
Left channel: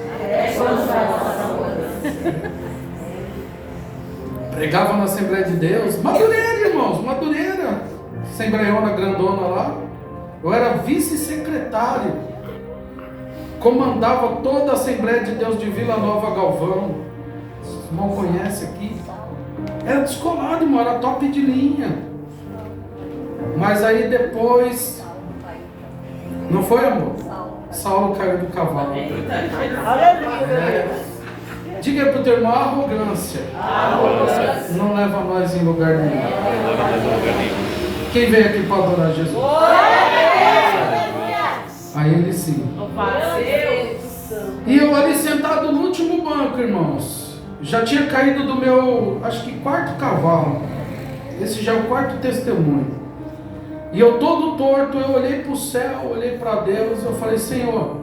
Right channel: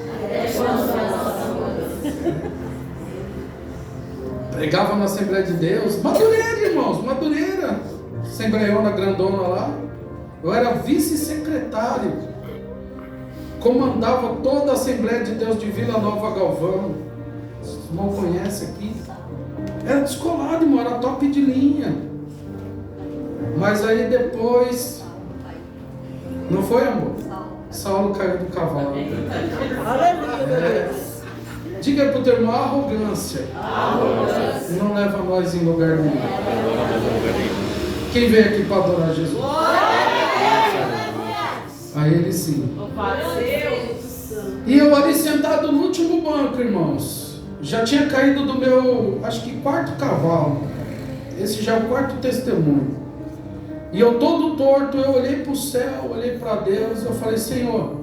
Pregava na Assembleia de Deus, Madureira, irmãos, Madureira, Assembleiona grandona lá. Eu era vice-secretário, comandava toda a Assembleia de Deus de Vila Nova Galvão. O irmão conhece aqui. Era descolado, irmão, era top de linha. Mas aí depois, não foi, amor? Saulo caiu do cavalo. Aleluia, meu Deus. Diga para o teu irmão, arrogância não leva nós em lugar nenhum. Quem veio aqui para adorar Jesus? A ele sim. E eu ali sentado no último banco, irmãos, já tinha caído do meu, acho que quarto cavalo. Esse já é o quarto testemunho. E eu todo torto, eu olhei para o céu, olhei para Deus, eu falei, Senhor,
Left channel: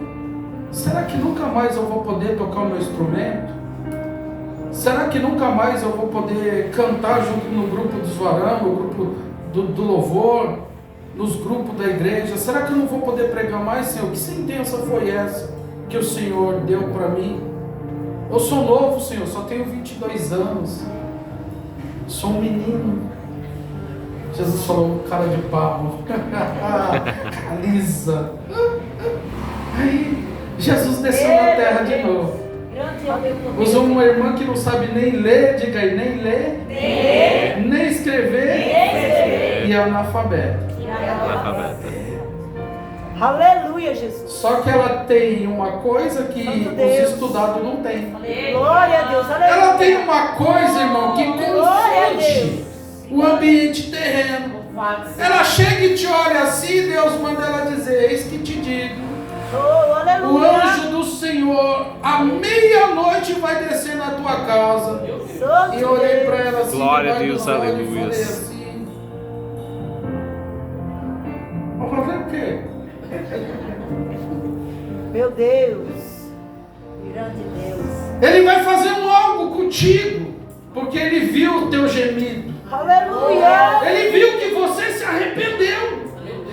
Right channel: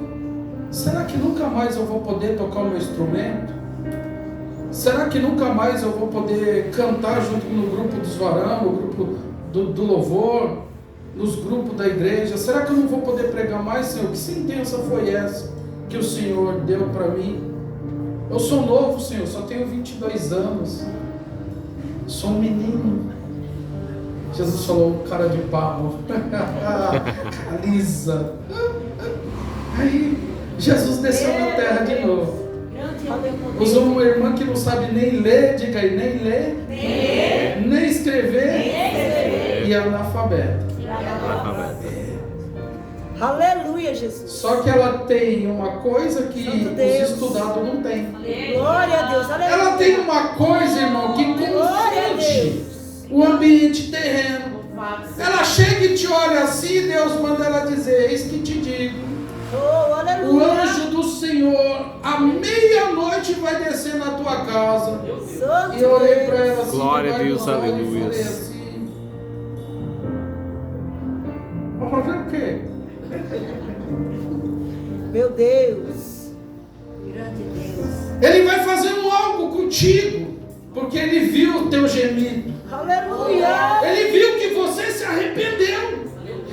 será que nunca mais eu vou poder tocar o meu instrumento? Será que nunca mais eu vou poder cantar junto no grupo dos varão, no grupo do louvor, nos grupos da igreja? Será que eu não vou poder pregar mais, Senhor? Que sentença foi essa que o Senhor deu para mim? Eu sou novo, Senhor, só tenho 22 anos. Sou um menino. Jesus falou, cara de pau. Lisa. Aí Jesus desceu na terra de novo. Usou uma irmã que não sabe nem ler, diga aí, nem ler, nem escrever, e é analfabeta. Aleluia, Jesus. Só que ela tem uma coisa que os estudados não têm. Glória a Deus, aleluia. Ela tem uma coisa, irmão, que confunde o ambiente terreno. Ela chega e te olha assim, Deus manda ela dizer, eis que te digo. Oh, aleluia. O anjo do Senhor, à meia-noite, vai descer na tua casa. E eu olhei para ela assim, glória a Deus, aleluia. E falei assim, vou fazer o quê? Meu Deus. Grande Deus. Ele vai fazendo algo contigo, porque ele viu o teu gemido. Aleluia. Ele viu que você se arrependeu.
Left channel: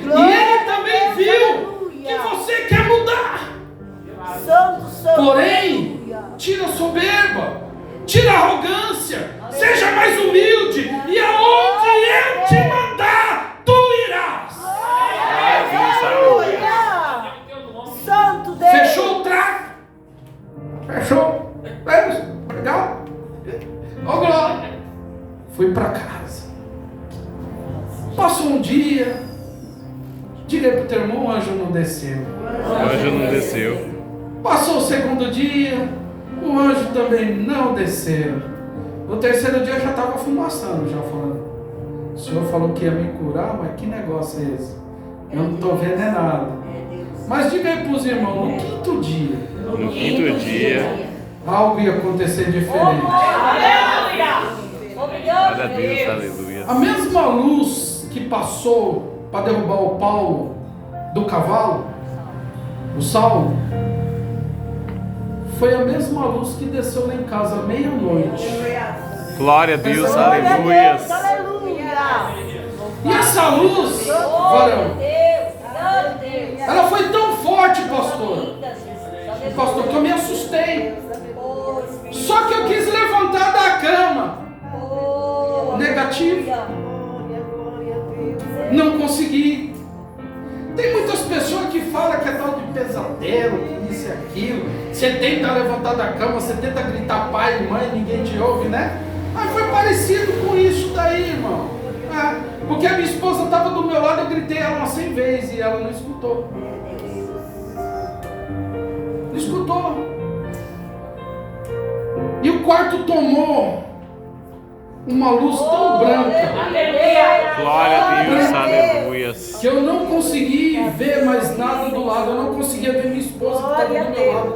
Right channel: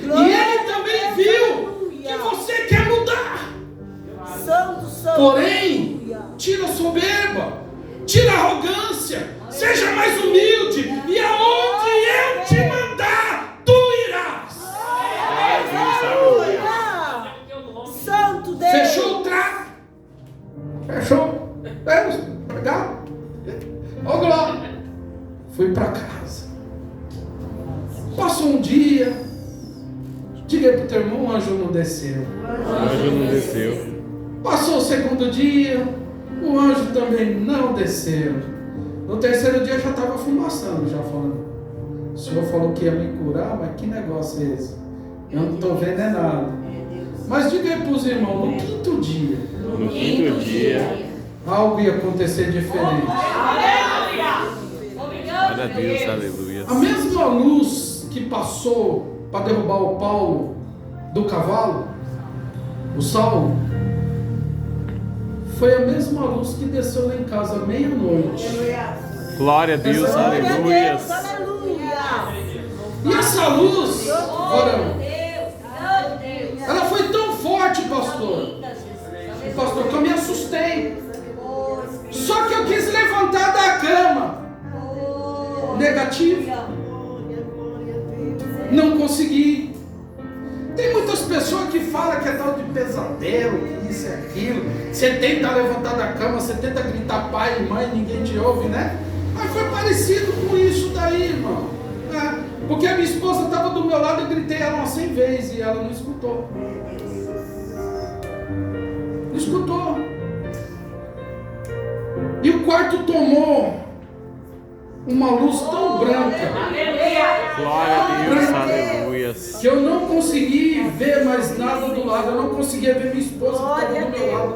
Glória E ele também viu que você quer mudar. Santo, santo. Porém, tira a soberba, tira a arrogância, seja mais humilde, e aonde eu te mandar, tu irás. Aleluia. Santo Deus. Fechou o trago? Fechou? É isso? Legal? Ô glória! Fui para casa. Passou um dia. Diga para o teu irmão, o anjo não desceu. O anjo não desceu. Passou o segundo dia. O anjo também não desceu. No terceiro dia já estava fumaçando, já falando. O Senhor falou que ia me curar, mas que negócio é esse? Eu não estou vendo é nada. Mas diga aí para os irmãos, no quinto dia. No quinto dia. Algo ia acontecer diferente. Glória a Deus, aleluia. A mesma luz que passou para derrubar o Paulo do cavalo, o Saulo, foi a mesma luz que desceu lá em casa meia-noite. Glória a Deus, Glória a aleluia. Deus, aleluia. E essa luz, varão, ela foi tão forte, pastor, que eu me assustei. Só que eu quis levantar da cama. Negativo. Não consegui. Tem muitas pessoas que falam que é tal de pesadelo, que isso e aquilo. Você tenta levantar da cama, você tenta gritar pai e mãe, ninguém te ouve, né? Mas foi parecido com isso daí, irmão. Porque a minha esposa estava do meu lado, eu gritei ela umas 100 vezes e ela não escutou. Não escutou. E o quarto tomou uma luz tão branca Glória a Deus, aleluia. que eu não consegui ver mais nada do lado. Eu não conseguia ver minha esposa que estava do meu lado.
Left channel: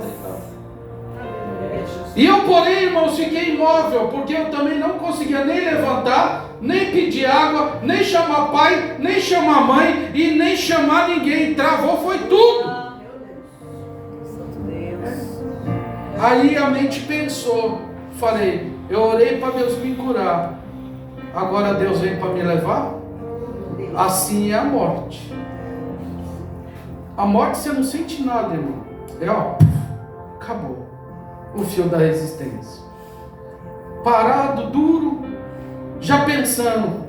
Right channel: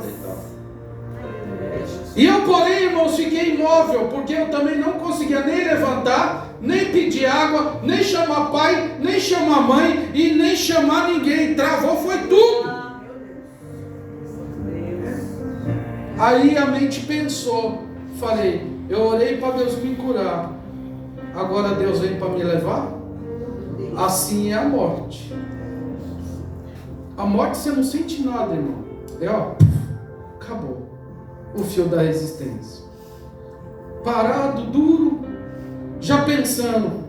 E eu, porém, irmãos, fiquei imóvel, porque eu também não conseguia nem levantar, nem pedir água, nem chamar pai, nem chamar mãe e nem chamar ninguém. Travou, foi tudo. Aí a mente pensou, falei, eu orei para Deus me curar. Agora Deus vem para me levar? Assim é a morte. A morte você não sente nada, irmão. É ó, acabou. O fio da resistência. Parado, duro, já pensando,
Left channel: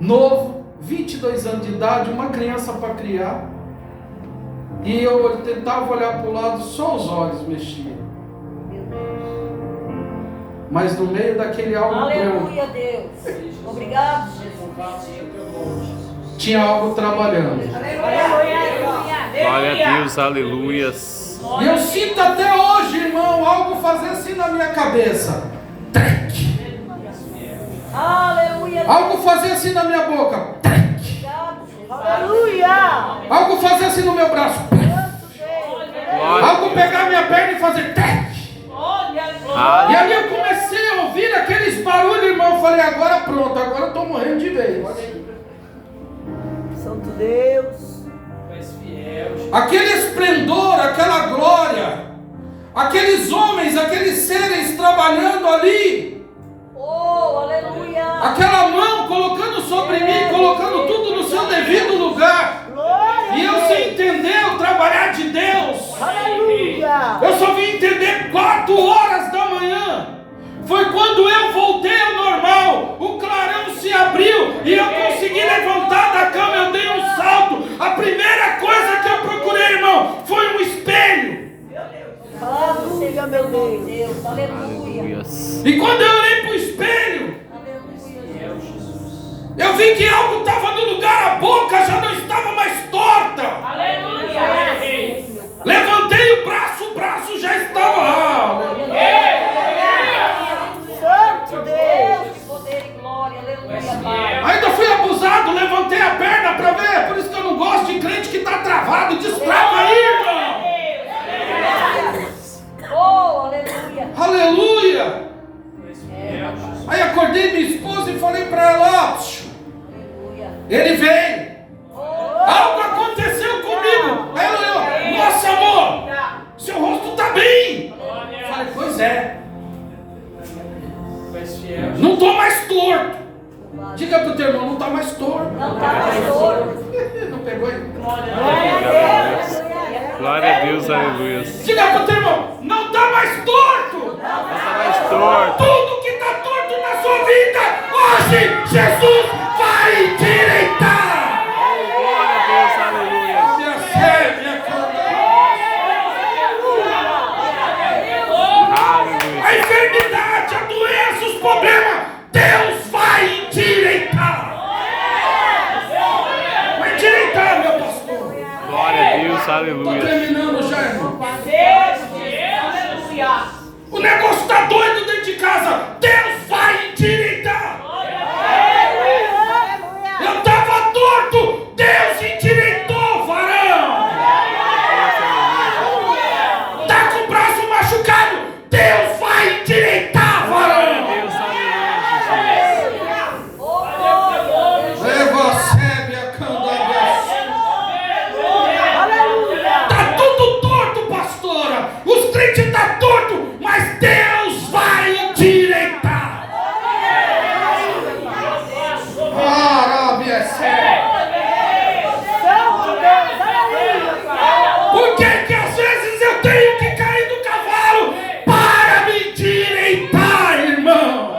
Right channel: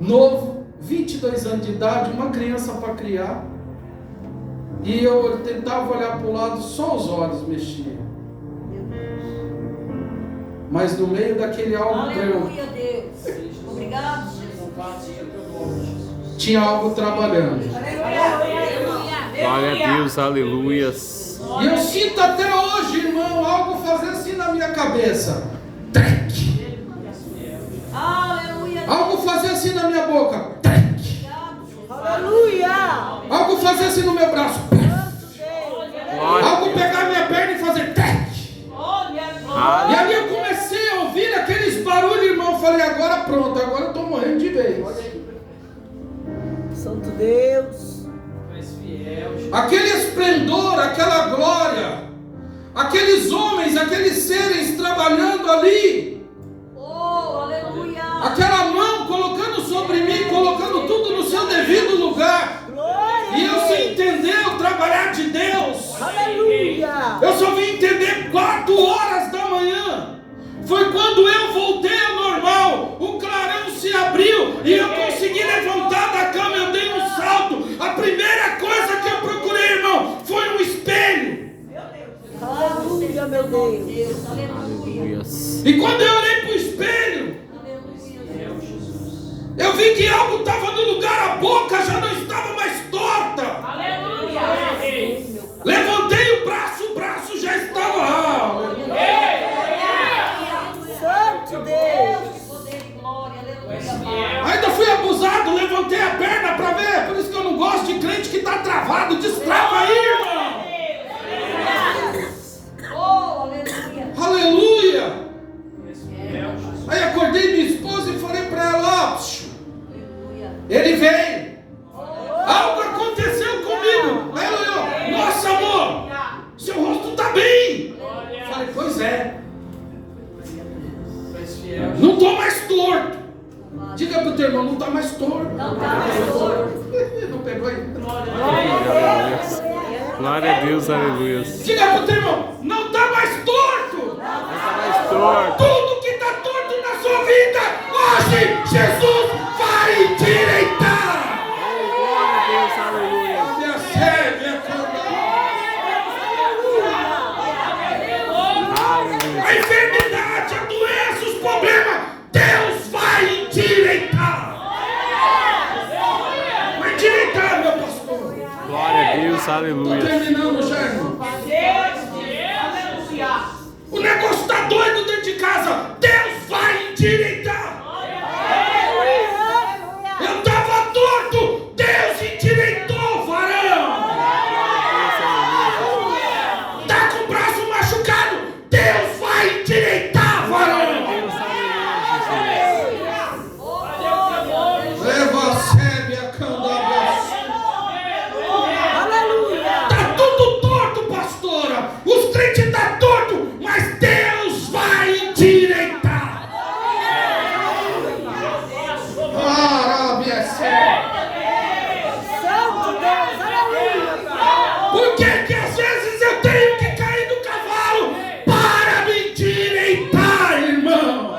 novo, 22 anos de idade, uma criança para criar. E eu tentava olhar para o lado, só os olhos mexiam. Mas no meio daquele algo Aleluia, Deus. Obrigado, Jesus. tinha algo trabalhando. Glória a Deus, aleluias. E eu sinto até hoje, irmão, algo fazer assim na minha cabeça. Trec. Aleluia. Algo fazer assim na minha boca. Trec. Aleluia. Algo fazer assim no meu braço. Glória a Algo Deus. pegar minha perna e fazer trec. E aí eu comecei a ouvir aqueles barulhos, irmão. Eu falei, agora pronto, agora eu estou morrendo de vez. Santo Deus. Aquele esplendor, aquela glória, aqueles homens, aqueles seres trabalhando ali, Oh, aleluia. aquela mão colocando sobre mim, colocando tudo no seu devido lugar. Glória. E eu sem entender o trabalhar de Deus. Aleluia. Eu só vim entender 4 horas da manhã. Foi quando eu voltei ao normal. O clarão se abriu e eu consegui levantar da cama. Eu dei um salto. A primeira coisa que eu procurei, irmão, foi um espelho. Aleluia, meu Deus. Aleluia. Aleluias. E quando eu olhei para o espelho, eu vi que algo estava no lugar. A boca já não estava mais torta. Levantei o braço já estava lá. Santo Deus. Poder e glória. Aleluia. Ainda fui abusado, levantei a perna para ver. Por isso que eu não gosto de crente que está travado. Destrava aí, irmão. Oh, aleluia. Aleluia. Aí acordei minha esposa e falei para ela, ele veio. Algo aconteceu comigo. Aí ela olhou, nossa amor, seu rosto está bem. Eu falei, pois é. Não estou mais torto. Diga para o teu irmão, não está mais torto. Não pegou aí? Glória a Deus, aleluias. Diga para o teu irmão, não está mais torto. Não está mais torto. Tudo que está torto na sua vida, hoje Jesus vai endireitar. Glória a Deus, aleluia. Minha fé, minha Aleluia. a enfermidade, a doença, os problemas, Deus vai endireitar. Vai endireitar, meu pastor. Glória a Deus, Estou aleluia. terminando já, irmão. O negócio está doido dentro de casa. Deus vai endireitar. Eu estava torto. Deus endireitou, varão. Está com o braço machucado. Deus vai endireitar, varão. Deus, aleluia, Jesus. Leva a sébia, candabia. Aleluia. Está tudo torto, pastora. Os crentes estão tortos, mas Deus vai endireitar. Arábia, Santo Deus. Aleluia. por que que às vezes eu tenho que cair do cavalo para me endireitar, irmão?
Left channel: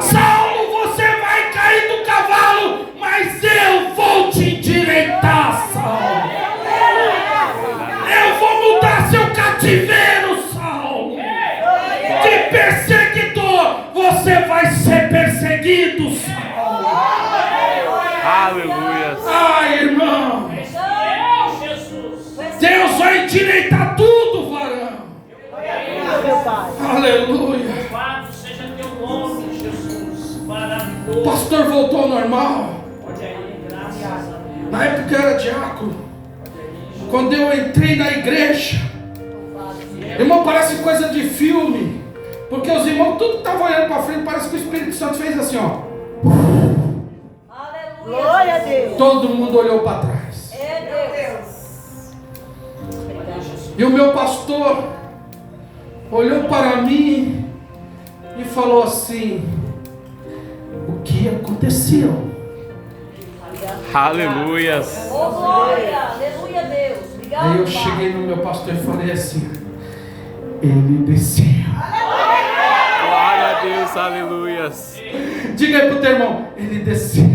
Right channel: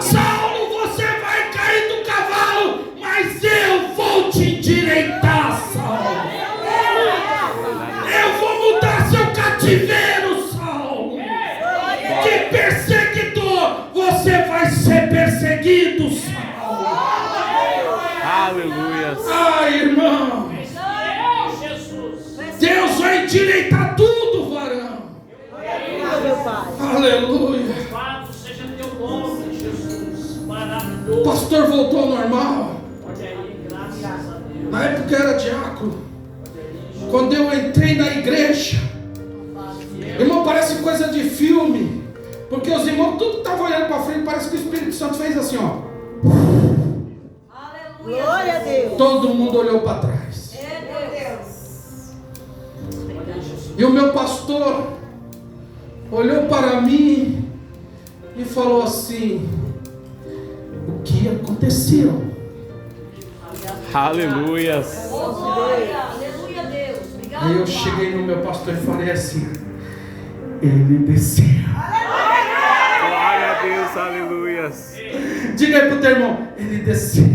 Saulo, você vai cair do cavalo, mas eu vou te endireitar, Saulo. Eu vou mudar seu cativeiro, Saulo. De perseguidor, você vai ser perseguido, Saulo. Aleluia. Ai, irmão. Deus vai endireitar tudo, varão. Aleluia, meu Pai. Aleluia. Louvado seja teu nome, Jesus. O Maravilhoso. pastor voltou ao normal. Olha aí, graças a Deus. Na época eu era diácono. Quando eu entrei na igreja, irmão, parece coisa de filme. Porque os irmãos tudo estavam olhando para frente. Parece que o Espírito Santo fez assim, ó. Glória a Deus. Todo mundo olhou para trás. E o meu pastor olhou para mim falou assim: o que aconteceu? Aleluias. Oh, glória. Aleluia, Deus. Obrigado, Aí eu Pai. cheguei no meu pastor e falei assim: ele desceu. Glória a Deus, aleluias. Diga aí pro teu irmão: ele desceu.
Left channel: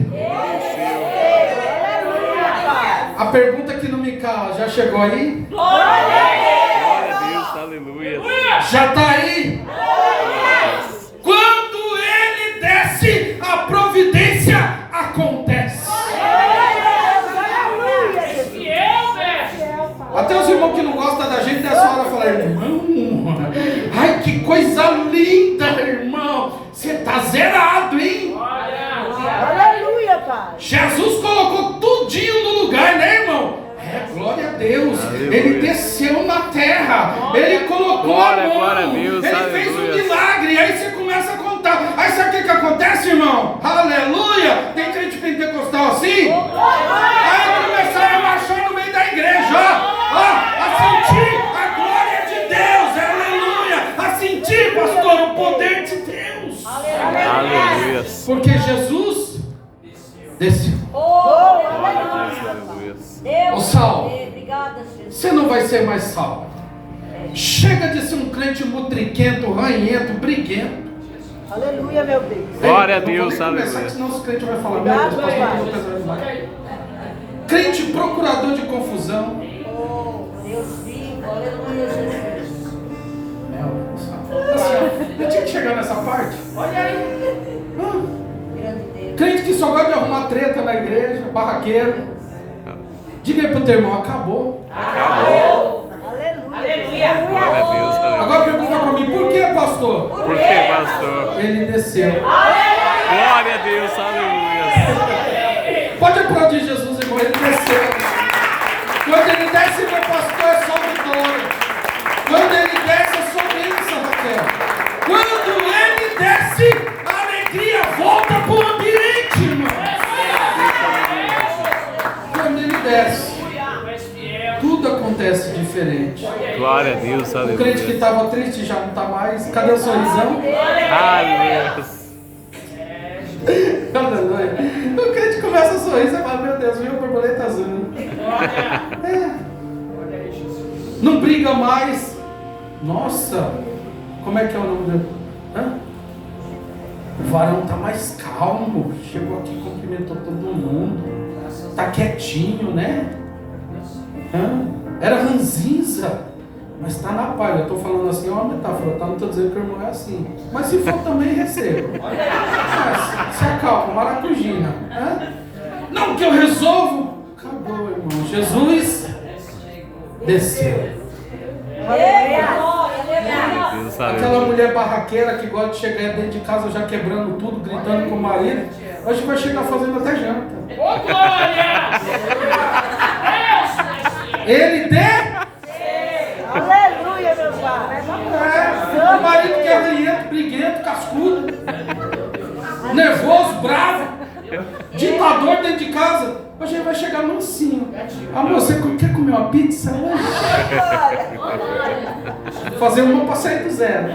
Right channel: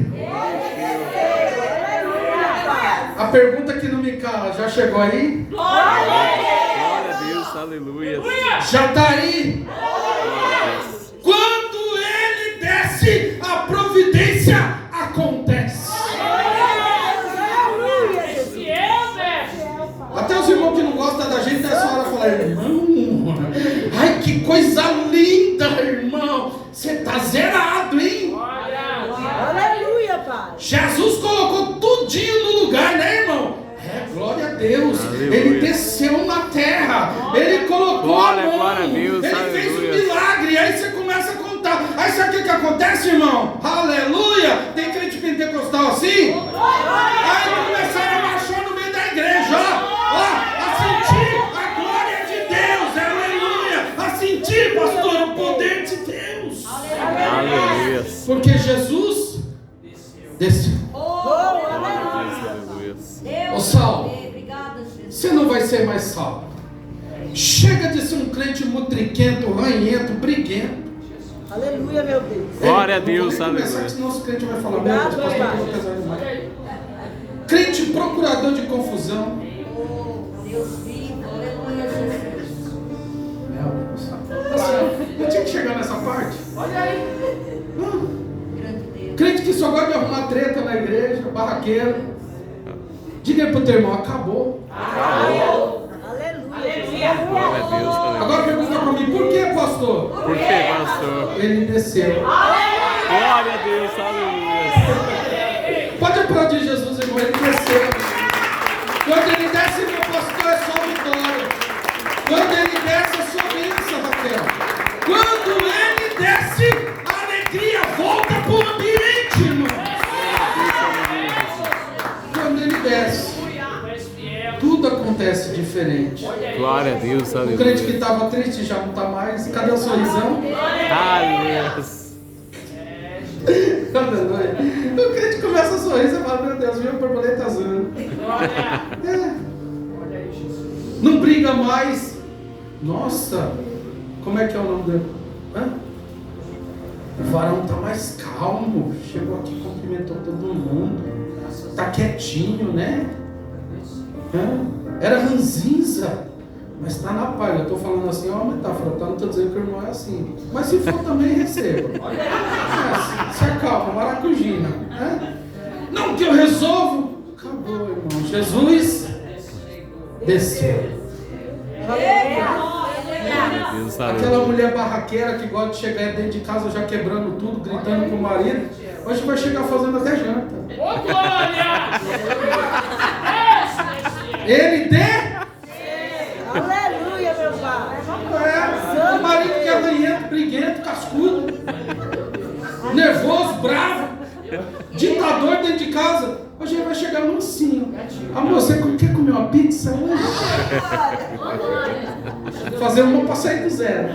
A pergunta que não me cala, já chegou aí? Glória a Deus, aleluias. Já está aí? Quando ele desce, a providência acontece. Até os irmãos que não gostam da gente nessa hora falam: irmão, ai que coisa linda, irmão. Você está zerado, hein? Aleluia, Pai. Jesus colocou tudinho no lugar, né, irmão? Glória a Deus. Aleluia. Ele desceu na terra. Ele colocou Glória, a mão. glória a Deus, Ele fez um aleluia. milagre. Aí você começa a contar. Aí sabe o que acontece, irmão? Aleluia. Tem gente pentecostal assim? Aí começaram a marchar no meio da igreja. A sentir a glória de Deus. Aleluia. A sentir, pastor, o poder de Deus. Aleluias. Porque Jesus desceu. Glória a Deus, aleluias. Ô Saulo, Obrigada, Jesus. você não vai ser mais salvo. Chega de ser um crente mutriquento, ranhento, briguento. Aleluia, meu Deus. Glória a Ei, Deus, não vou nem começar, aleluia. senão os crentes vão falar: Obrigado, meu Deus, pastor, Pai. eu vou casar demais. Crente procurador de confusão. Oh, Deus vivo. Aleluia, Jesus. Meu Deus. Assim, ó, eu tinha que chegar nessa parte. Olha aí. Grande Deus. Crente que só gosta de arrumar treta na igreja, barraqueiro. Diga aí pro teu irmão: acabou. Acabou. Aleluia. Glória a Deus, aleluia. Agora pergunta pra mim: por que, pastor? Por que, pastor? Ele desceu. Glória a Deus, aleluia. Pode aplaudir Jesus, irmão. Ele desceu. Quando ele desce, meu pastor, é só vitória. Quando ele desce, é só bênção, Raquel. Quando ele desce, a alegria volta para o ambiente, irmão. Quando ele desce, tudo acontece diferente. Glória a Deus, O crente que aleluia. estava triste já não está mais. Cadê o sorrisão? Aleluia. Aleluia. O crente começa a sorrir, você fala: meu Deus, viu, borboleta azul. Não briga mais. Nossa, como é que é o nome dele? O varão está mais calmo. Chegou aqui, cumprimentou todo mundo. Está quietinho, né? Era ranzinza, mas está na paz. Eu estou falando assim, é uma metáfora, tá? Não estou dizendo que o irmão é assim. Mas se for também, receba. Se acalma, maracujina. Não, que eu resolvo. Acabou, irmão. Jesus desceu. Glória a Deus, Aquela aleluia. mulher barraqueira que gosta de chegar dentro de casa já quebrando tudo, gritando com o marido, hoje vai chegar fazendo até janta. Ô, glória! Ele Aleluia, meu Pai. o marido que é ranhento, briguento, cascudo, nervoso, bravo, ditador dentro de casa, hoje ele vai chegar mansinho. Amor, você quer comer uma pizza hoje? Fazer uma para sair do zero.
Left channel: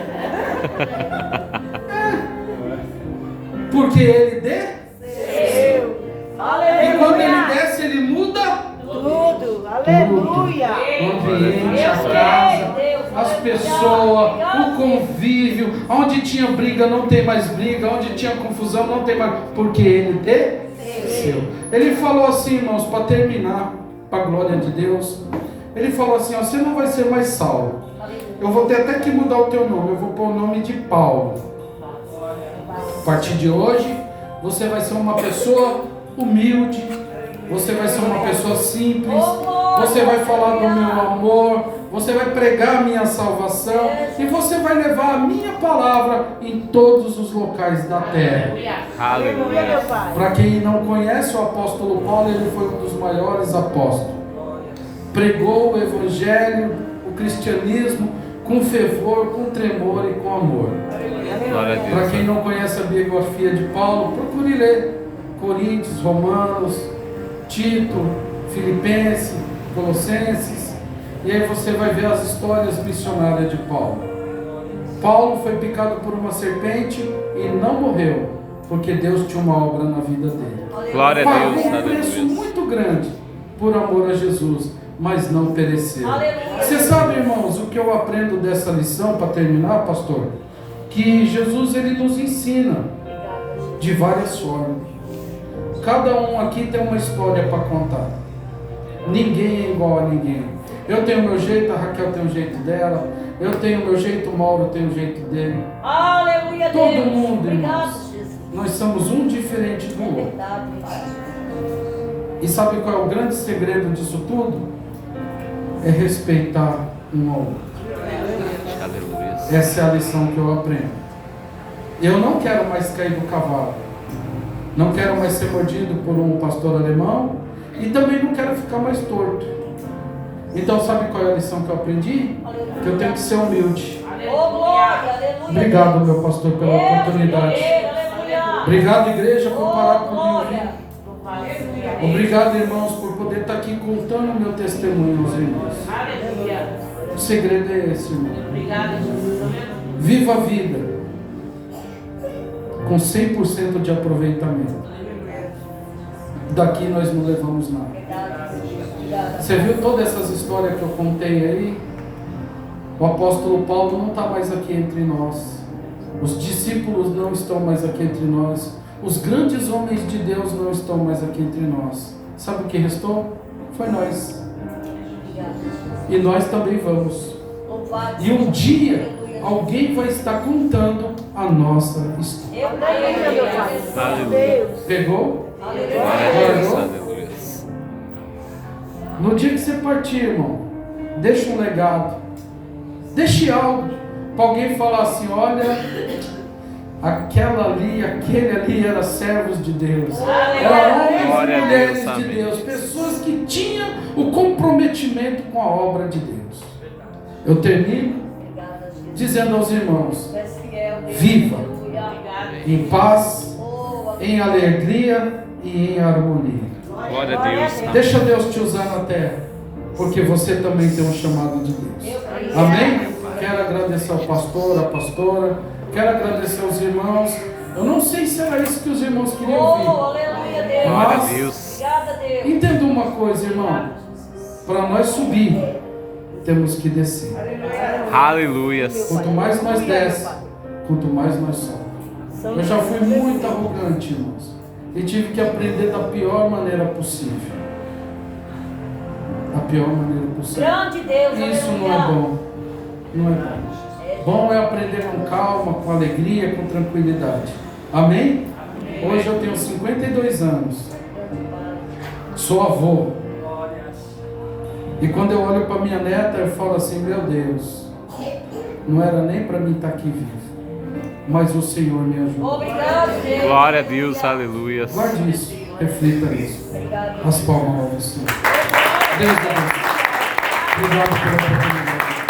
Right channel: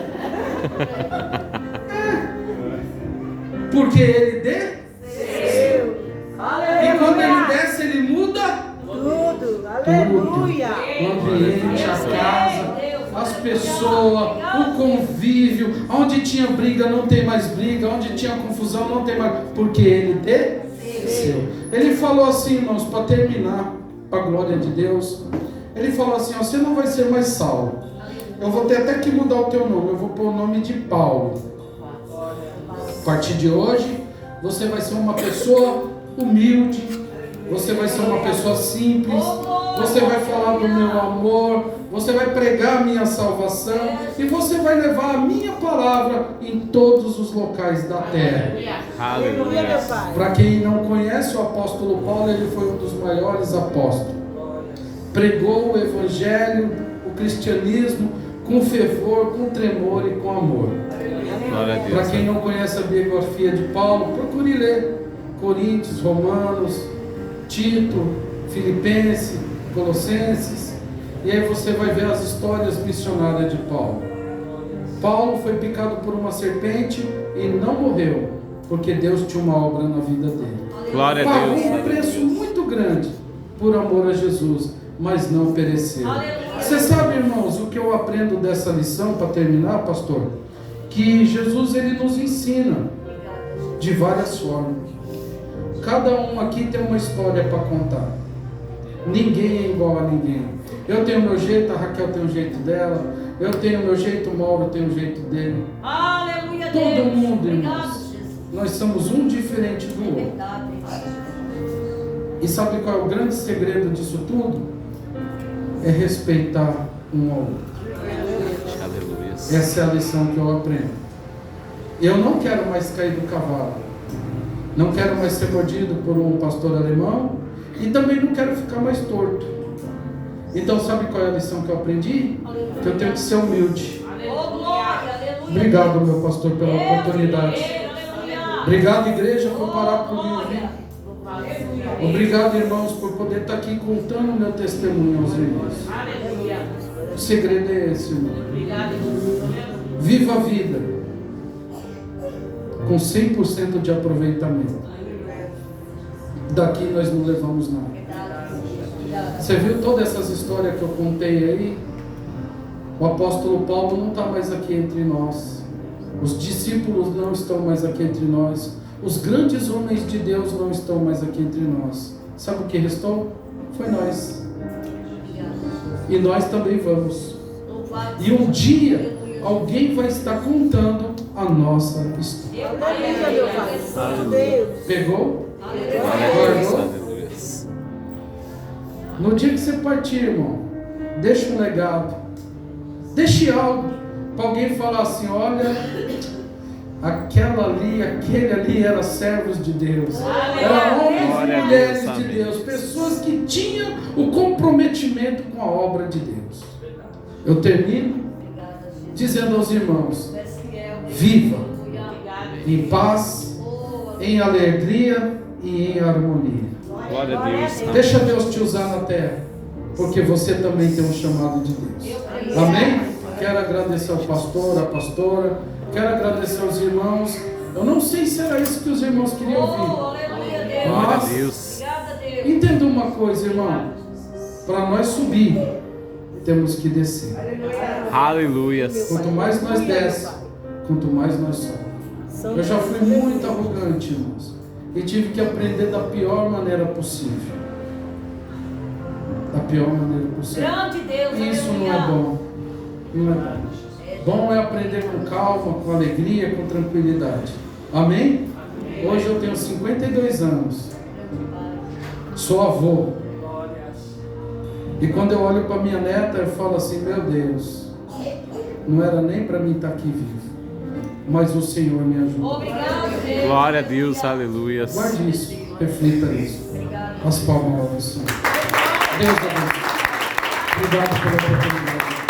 Porque ele desceu. E quando ele desce, ele muda Tudo. Aleluia. o ambiente, a casa, as pessoas, o convívio. Onde tinha briga, não tem mais briga. Onde tinha confusão, não tem mais. Porque ele desceu. Ele falou assim, irmãos, para terminar, para a glória de Deus. Ele falou assim: ó, você não vai ser mais Saulo. Eu vou ter até que mudar o teu nome. Eu vou pôr o nome de Paulo. A partir de hoje, você vai ser uma pessoa humilde. Você vai ser uma pessoa simples. Você vai falar do meu amor. Você vai pregar a minha salvação. E você vai levar a minha palavra em todos os locais da terra. Aleluia, meu Pai. Para quem não conhece o apóstolo Paulo, ele foi um dos maiores apóstolos. Pregou o evangelho, o cristianismo, com fervor, com tremor e com amor. Glória a Para quem Deus. não conhece a biografia de Paulo, procure ler Coríntios, Romanos, Tito, Filipenses, Colossenses, e aí você vai ver as histórias missionárias de Paulo. Paulo foi picado por uma serpente e não morreu, porque Deus tinha uma obra na vida dele. Glória a Pagou Deus. um preço Aleluia. muito grande por amor a Jesus, mas não pereceu. Você sabe, irmãos, o que eu aprendo dessa lição, para terminar, pastor? Que Jesus, ele nos ensina de várias formas. Cada um aqui tem uma história para contar. Ninguém é igual a ninguém. Eu tenho o meu jeito, a Raquel tem o jeito dela. Eu tenho o meu jeito, o Mauro tem o jeito dele. Aleluia, Todo Deus. mundo, Obrigado, irmãos. Jesus. Nós somos um diferente do outro. E sabe qual é o grande segredo disso tudo? É respeitar um ao outro. Aleluia. Essa é a lição que eu aprendo. Eu não quero mais cair do cavalo. Não quero mais ser mordido por um pastor alemão. E também não quero ficar mais torto. Então sabe qual é a lição que eu aprendi? Que eu tenho que ser humilde. Oh, glória, aleluia. Obrigado, meu pastor, pela oportunidade. Aleluia. Obrigado, igreja, por parar Oh, comigo. glória. Obrigado, irmãos, por poder estar aqui contando o meu testemunho aos irmãos. Aleluia. O segredo é esse, irmão. Obrigado, Jesus. Viva a vida com 100% de aproveitamento. Daqui nós não levamos nada. Você viu todas essas histórias que eu contei aí? O apóstolo Paulo não está mais aqui entre nós. Os discípulos não estão mais aqui entre nós. Os grandes homens de Deus não estão mais aqui entre nós. Sabe o que restou? Foi nós. E nós também vamos. E um dia alguém vai estar contando a nossa história. Aleluia. Pegou? Glória a Deus. Guardou? Aleluia. No dia que você partir, irmão, deixa um legado. Deixe algo para alguém falar assim: olha, aquela ali, aquele ali era servos de Deus, eram homens Glória e a mulheres Deus, de amém. Deus, pessoas que tinham o comprometimento com a obra de Deus. Eu termino dizendo aos irmãos: viva em paz, em alegria e em harmonia. Glória a Deus. Amém. Deixa Deus te usar na terra, porque você também tem um chamado de Deus. Amém? Quero agradecer ao pastor, à pastora, quero agradecer aos irmãos. Eu não sei se era isso que os irmãos queriam Oh, ouvir. aleluia, Deus. Glória a Mas Deus. Obrigada, Deus. entenda uma coisa, irmão. Para nós subir, temos que descer. Aleluia. Quanto mais nós desce, quanto mais nós sobe. Eu já fui muito arrogante, irmãos, e tive que aprender da pior maneira possível. Da pior maneira possível. Grande Deus, Isso não aleluia. é bom. Não é bom. Bom é aprender com calma, com alegria, com tranquilidade. Amém? Hoje eu tenho 52 anos. Sou avô. E quando eu olho para minha neta, eu falo assim: meu Deus, não era nem para mim estar aqui vivo, mas o Senhor me ajuda. Obrigado, Deus. Glória a Deus. Aleluia. Guarde isso, reflita nisso. As palmas ao Senhor. Deus abençoe. Obrigado pela oportunidade.